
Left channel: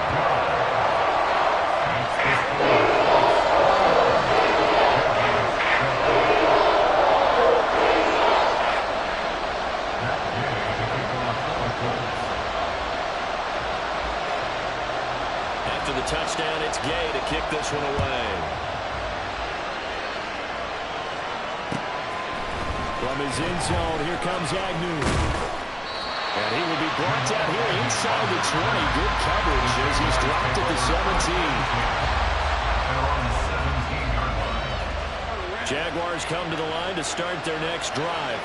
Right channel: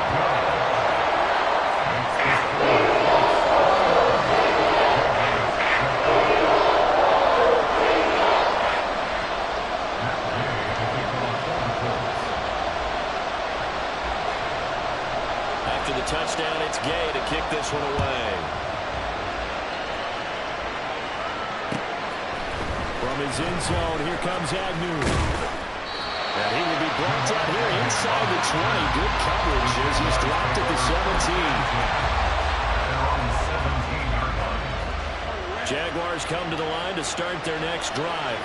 After the touchdown, it's Gay to kick this one away. From his end zone, here comes Agnew. And he will be brought down here inside the 20. Good coverage as he's dropped at the 17. They're on the 17-yard line. Jaguars come to the line to start their next drive.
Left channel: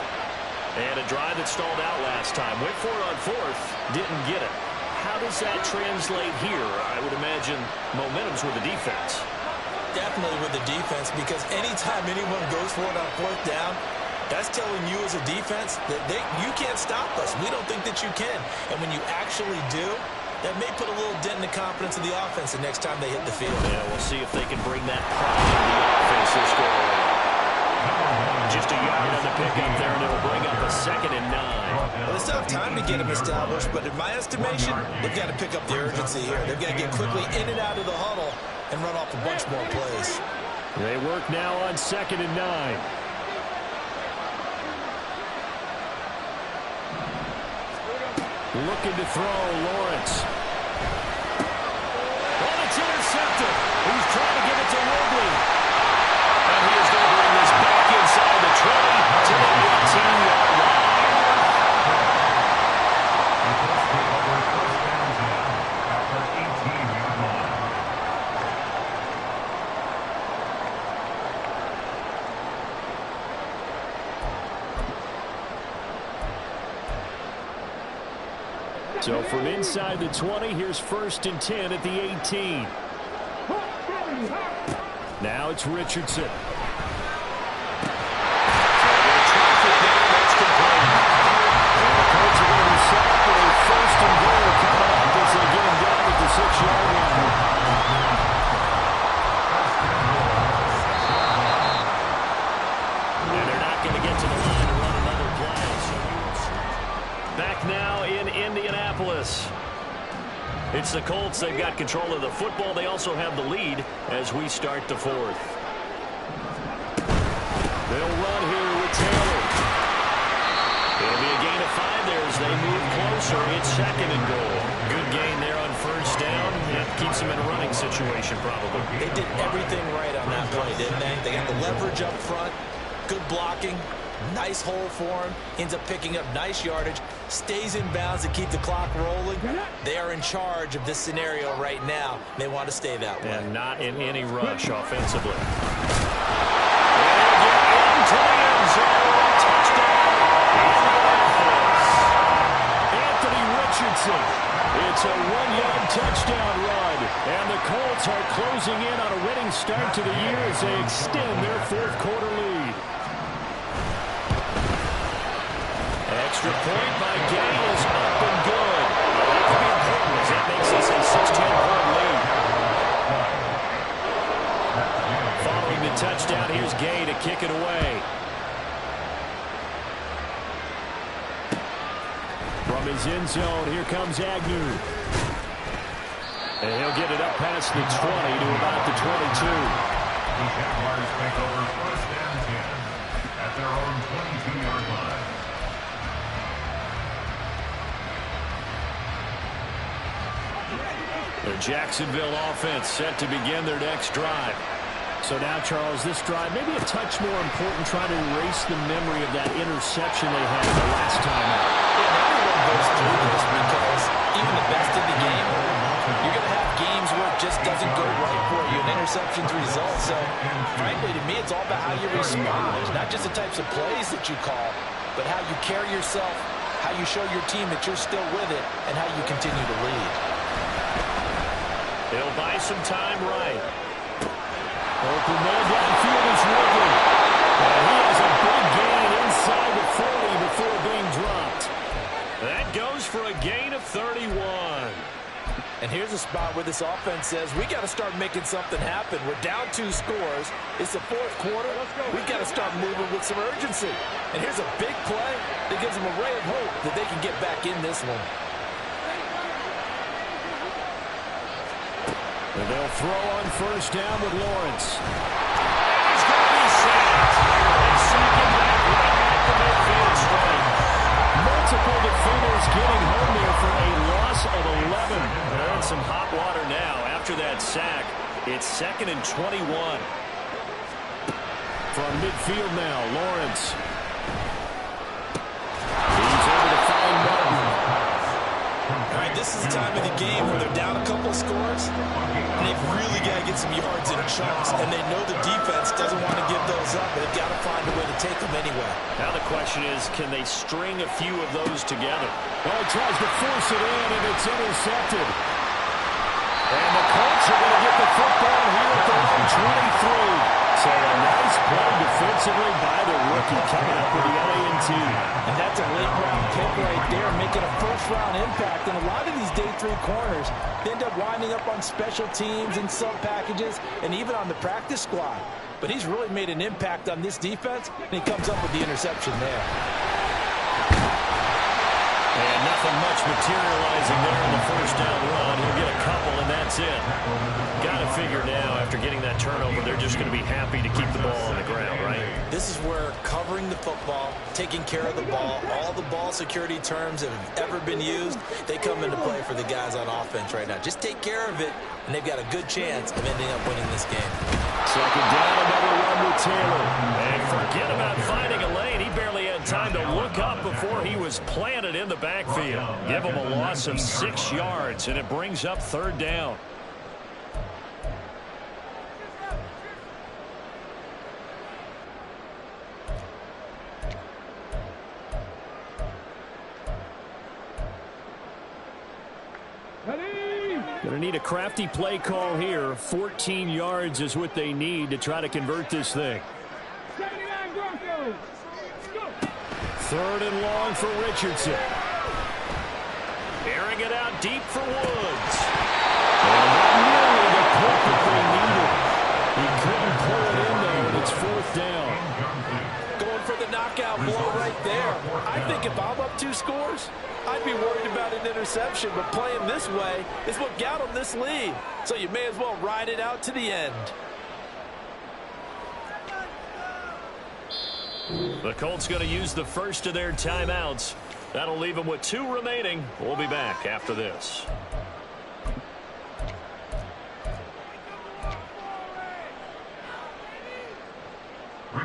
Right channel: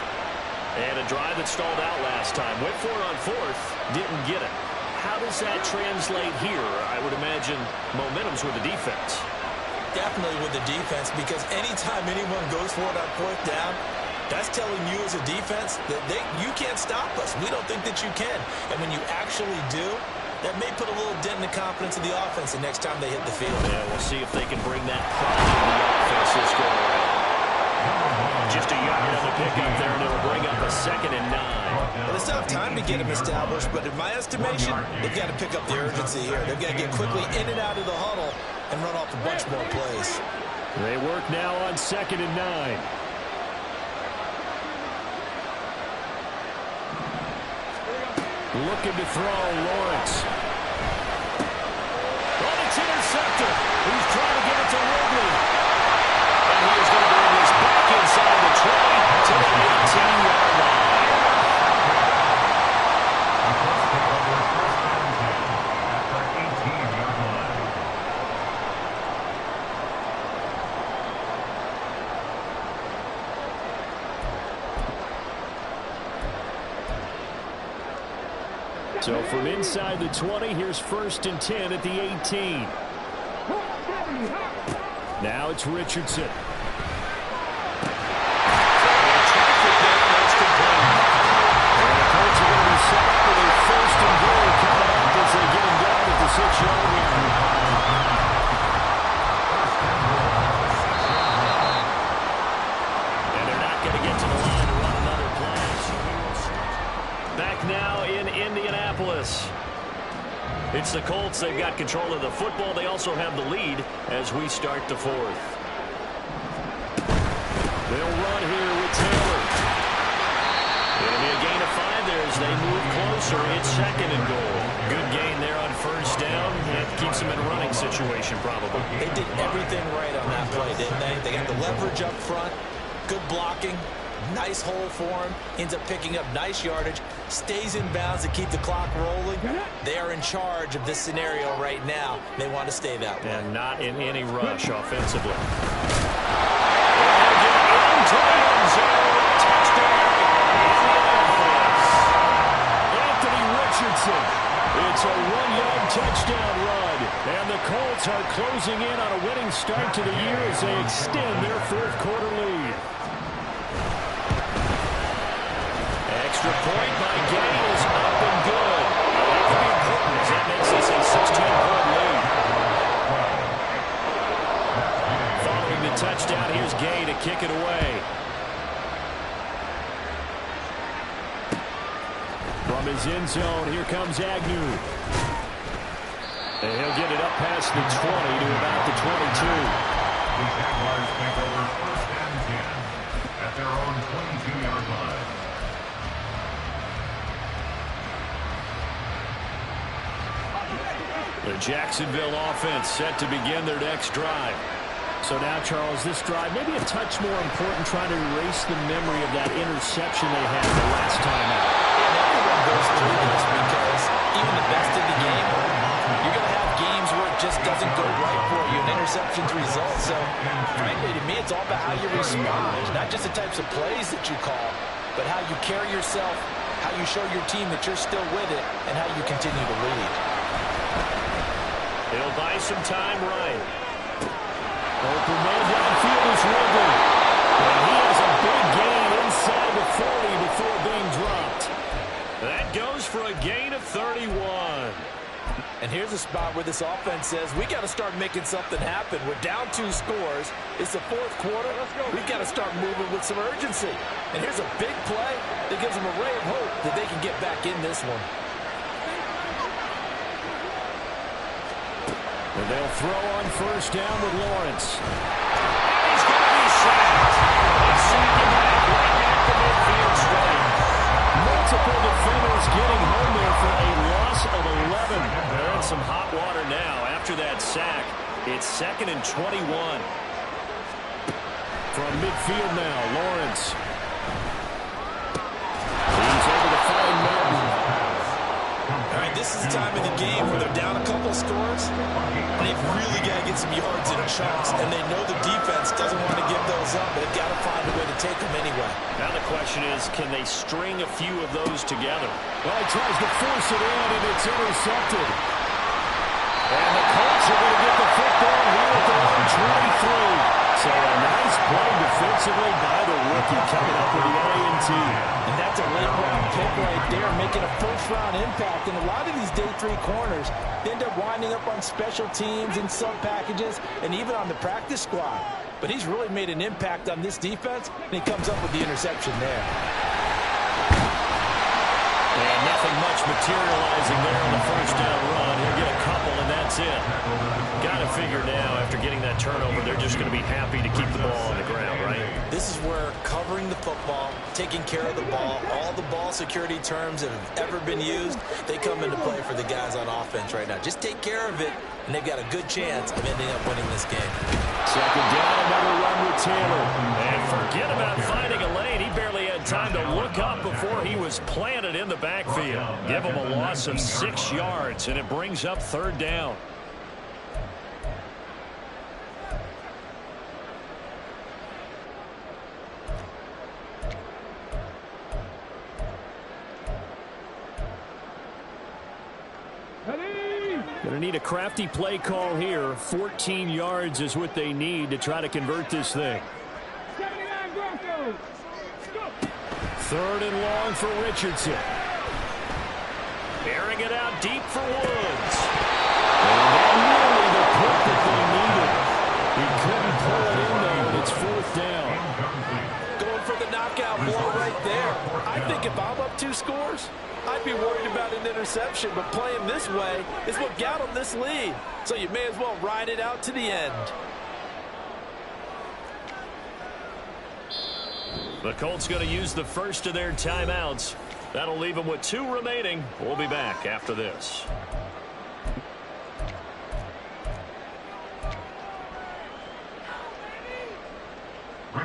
And a drive that stalled out last time. Went for it on fourth, didn't get it. How does that translate here? I would imagine momentum's with the defense. Definitely with the defense, because anytime anyone goes for it on fourth down, that's telling you as a defense that you can't stop us. We don't think that you can. And when you actually do, that may put a little dent in the confidence of the offense the next time they hit the field. Yeah, we'll see if they can bring that pride in the offense this go around. Just a yard on the pickup there, and it'll bring up a 2nd and 9. Well, they still have time to get them established, but in my estimation, they've got to pick up the urgency here. They've got to get quickly in and out of the huddle and run off a bunch more plays. They work now on 2nd and 9. Looking to throw, Lawrence. Oh, it's intercepted. He's trying to give it to Ridley. And he is going to bring this back inside the 20 to the 18-yard line. The Colts take over first and 10 at the 18-yard line. So from inside the 20, here's 1st and 10 at the 18. Now it's Richardson. Traffic there, that's complete. And the Colts are going to be set up with a 1st and goal coming up as they get him down at the 6-yard line. And they're not going to get to the line to run another play. So we will start. Back now in Indianapolis. It's the Colts. They've got control of the football. They also have the lead as we start the fourth. They'll run here with Taylor. It'll be a gain of 5 there as they move closer. It's 2nd and goal. Good gain there on first down. That keeps them in a running situation probably. They did everything right on that play, didn't they? They got the leverage up front, good blocking, nice hole for him, ends up picking up nice yardage, stays in bounds to keep the clock rolling. They are in charge of this scenario right now. They want to stay that way. And not in any rush offensively. And get into the end zone. Touchdown, Indianapolis. Anthony Richardson. It's a 1-yard touchdown run. And the Colts are closing in on a winning start to the year as they extend their 4th quarter lead. Extra point by Gay is up and good. That could be important as that makes this a 16-point lead. Following the touchdown, here's Gay to kick it away. From his end zone, here comes Agnew. And he'll get it up past the 20 to about the 22. The Jaguars take over 1st and 10 at their own 22-yard line. The Jacksonville offense set to begin their next drive. So now, Charles, this drive maybe a touch more important, trying to erase the memory of that interception they had the last time out. Yeah, and everyone goes through this because even the best in the game, you're going to have games where it just doesn't go right for you, and interceptions result. So, frankly, to me, it's all about how you respond. Not just the types of plays that you call, but how you carry yourself, how you show your team that you're still with it, and how you continue to lead. He'll buy some time right. Open man downfield is Ridley. And he has a big gain inside the 40 before being dropped. That goes for a gain of 31. And here's a spot where this offense says, we got to start making something happen. We're down 2 scores. It's the 4th quarter. We've got to start moving with some urgency. And here's a big play that gives them a ray of hope that they can get back in this one. And they'll throw on 1st down with Lawrence. And he's going to be sacked. They sack him back right at the midfield stripe. Multiple defenders getting home there for a loss of 11. They're in some hot water now. After that sack, it's 2nd and 21. From midfield now, Lawrence. He's able to find Melton. All right, this is the time of the game where they're down a couple scores, and they've really got to get some yards in chunks, and they know the defense doesn't want to give those up, but they've got to find a way to take them anyway. Now the question is, can they string a few of those together? Well, he tries to force it in, and it's intercepted. And the Colts are going to get the football here at their own 23. So a nice play defensively by the rookie coming up with the A&T. And that's a late-round pick right there, making a first-round impact. And a lot of these day 3 corners end up winding up on special teams and sub-packages and even on the practice squad. But he's really made an impact on this defense, and he comes up with the interception there. And nothing much materializing there on the 1st down run. He'll get a couple, and that's it. Got to figure now, after getting that turnover, they're just going to be happy to keep the ball on the ground, right? This is where covering the football, taking care of the ball, all the ball security terms that have ever been used, they come into play for the guys on offense right now. Just take care of it, and they've got a good chance of ending up winning this game. 2nd down, another run with Taylor. And forget about finding a lane. He barely had time to look up before he was planted in the backfield. Give him a loss of 6 yards, and it brings up 3rd down. Going to need a crafty play call here. 14 yards is what they need to try to convert this thing. 3rd and long for Richardson. Airing it out deep for Woods. And that nearly the punt that they needed. He couldn't pull it in, though, and it's 4th down. Going for the knockout blow right there. I think if I'm up 2 scores, I'd be worried about an interception, but playing this way is what got them this lead. So you may as well ride it out to the end. The Colts going to use the first of their timeouts. That'll leave them with 2 remaining. We'll be back after this.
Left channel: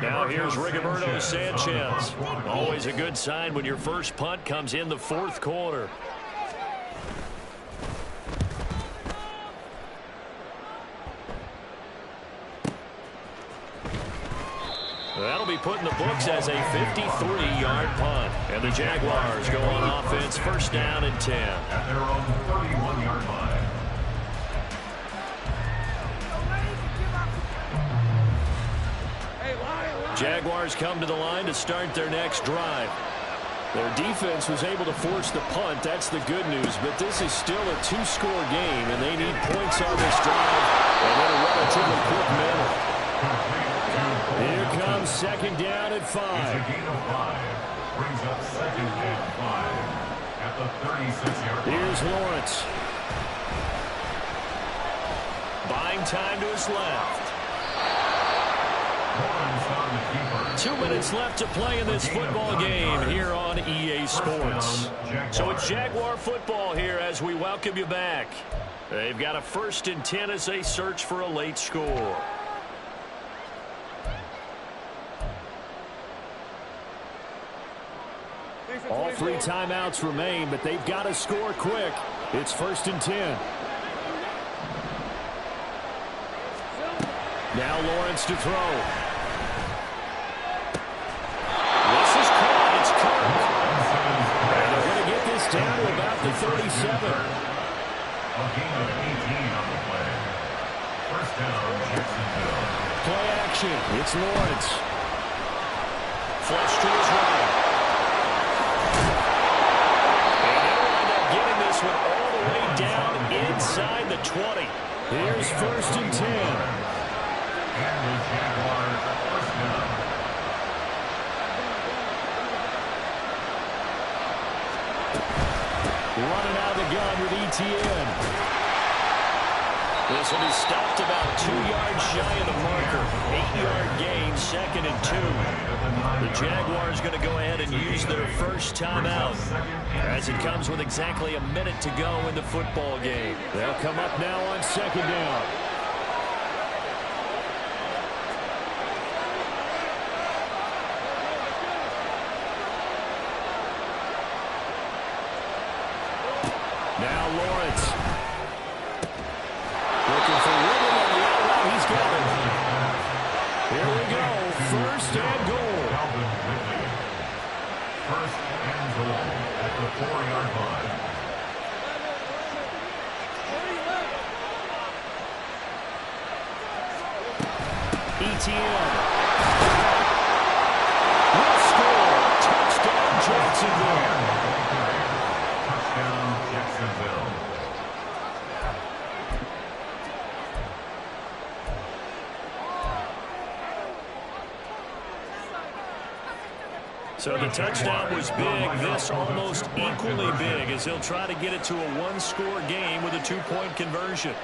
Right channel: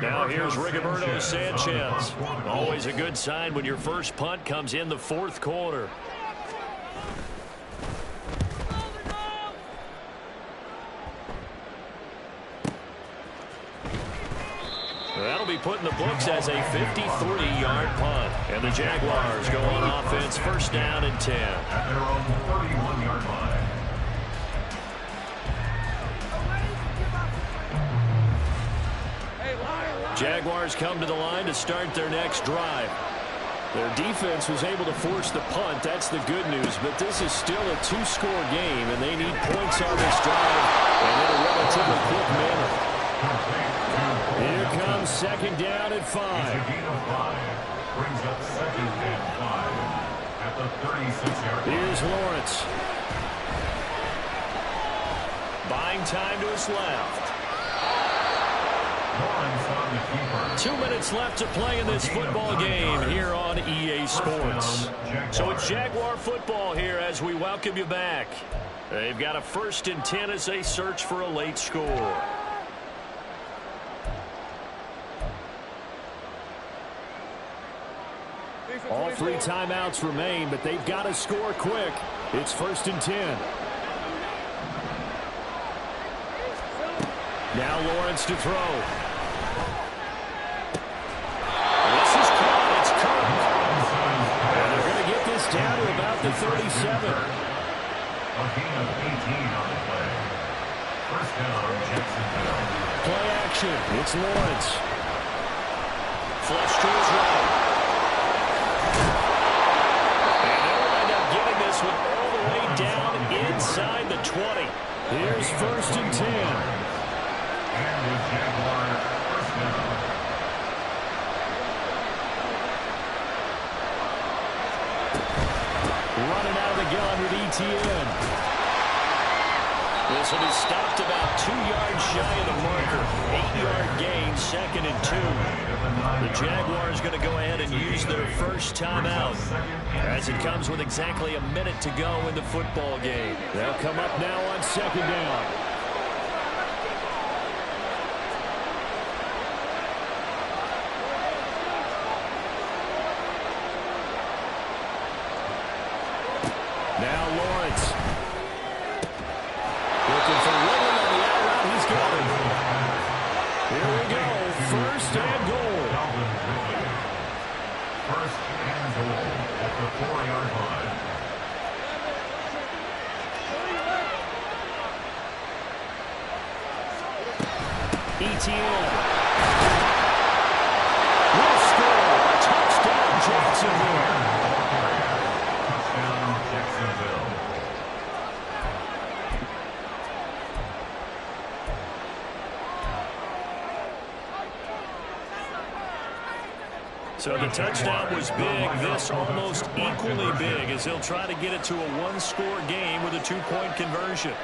Now here's Rigoberto Sanchez. Always a good sign when your first punt comes in the 4th quarter. That'll be put in the books as a 53-yard punt. And the Jaguars go on offense, 1st down and 10. At their own 31-yard line. Jaguars come to the line to start their next drive. Their defense was able to force the punt. That's the good news. But this is still a 2-score game, and they need points on this drive and in a relatively quick manner. Here comes 2nd down at 5. It's a gain of 5. Brings up 2nd and 5 at the 36-yard line. Here's Lawrence. Buying time to his left. Lawrence on the keeper. 2 minutes left to play in this football game here on EA Sports. So it's Jaguar football here as we welcome you back. They've got a 1st and 10 as they search for a late score. All 3 timeouts remain, but they've got to score quick. It's 1st and 10. Now Lawrence to throw. This is caught. It's Kirk. And they're going to get this down to about the 37. A gain of 18 on the play. 1st down, Jacksonville. Play action. It's Lawrence. Flush to his right. And they'll wind up getting this one all the way down inside the 20. Here's 1st and 10. And the Jaguars 1st down. Running out of the gun with ETN. This will be stopped about 2 yards shy of the marker. 8-yard gain, 2nd and 2. The Jaguars going to go ahead and use their first timeout as it comes with exactly a minute to go in the football game. They'll come up now on 2nd down. Now Lawrence. Looking for Ridley on the out route. He's got it. Here we go. 1st and goal. Calvin Ridley. 1st and goal at the 4-yard line. ETN. Will score. Touchdown Jacksonville. Touchdown, Jacksonville. So the touchdown was big. This almost equally big as he'll try to get it to a 1-score game with a 2-point conversion.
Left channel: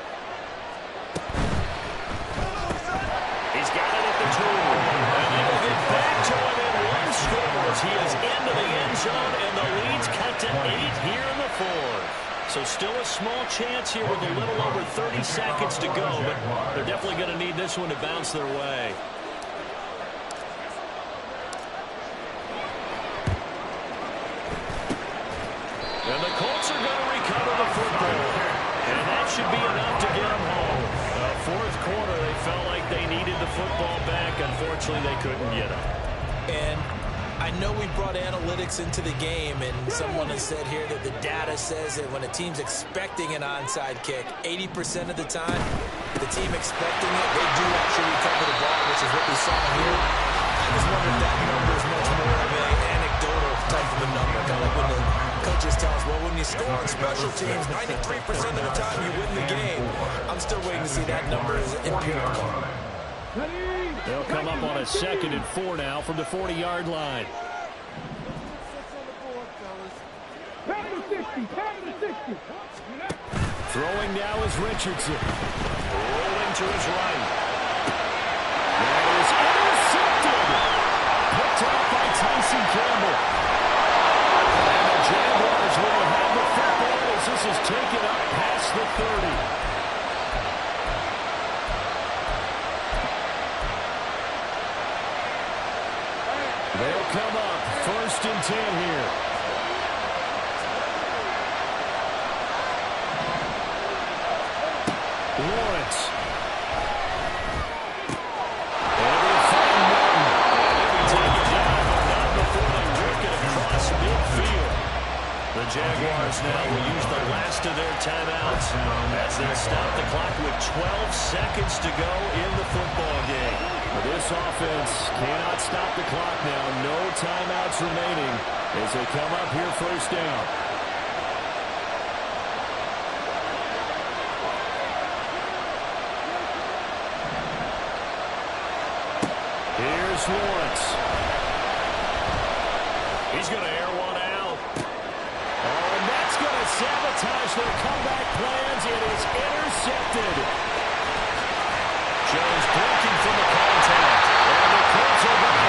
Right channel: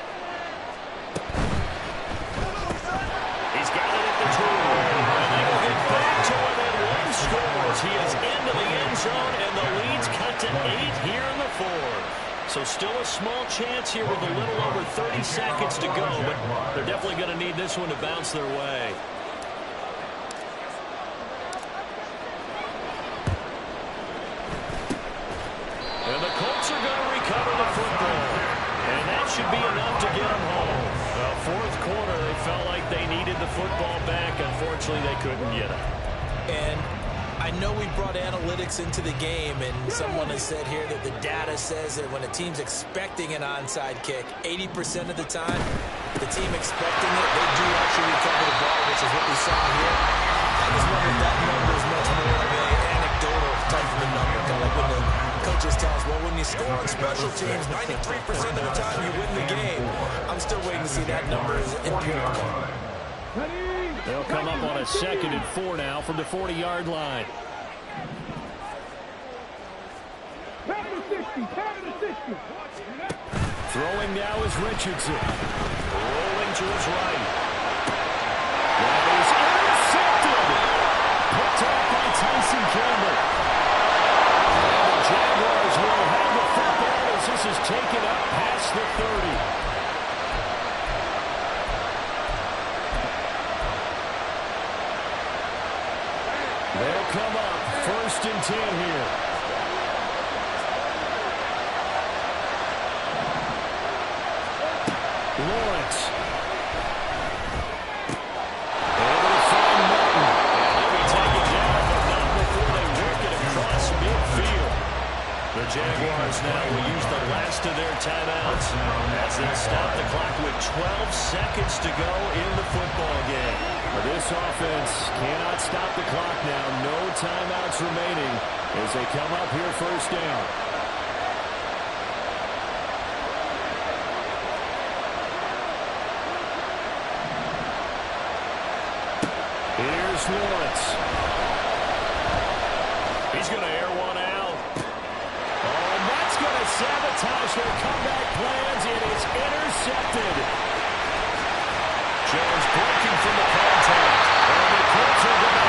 He's got it at the 2. And they will get back to within 1 score as he is into the end zone, and the lead's cut to 8 here in the 4th. So still a small chance here with a little over 30 seconds to go, but they're definitely going to need this one to bounce their way. And the Colts are going to recover the football. And that should be enough to get them home. The 4th quarter, they felt like they needed the football back. Unfortunately, they couldn't get it. And I know we brought analytics into the game, and someone has said here that the data says that when a team's expecting an onside kick, 80% of the time, the team expecting it, they do actually recover the ball, which is what we saw here. I just wonder if that number is much more of an anecdotal type of a number. Kind of like when the coaches tell us, well, when you score on special teams, 93% of the time you win the game. I'm still waiting to see that number as empirical. They'll come up on a 2nd and 4 now from the 40-yard line. Throwing now is Richardson. Rolling to his right. That is intercepted. Picked off by Tyson Campbell. And the Jaguars will have the football as this is taken up past the 30. They'll come up 1st and 10 here. Lawrence. And they'll find Martin. And he'll be taken down, but not before they work it across midfield. The Jaguars now will use the last of their timeouts as they'll stop the clock with 12 seconds to go in the football game. This offense cannot stop the clock now. No timeouts remaining as they come up here 1st down. Here's Lawrence. He's going to air one out. Oh, and that's going to sabotage their comeback plans. It is intercepted. Jones breaking from the contact. And the Colts are going to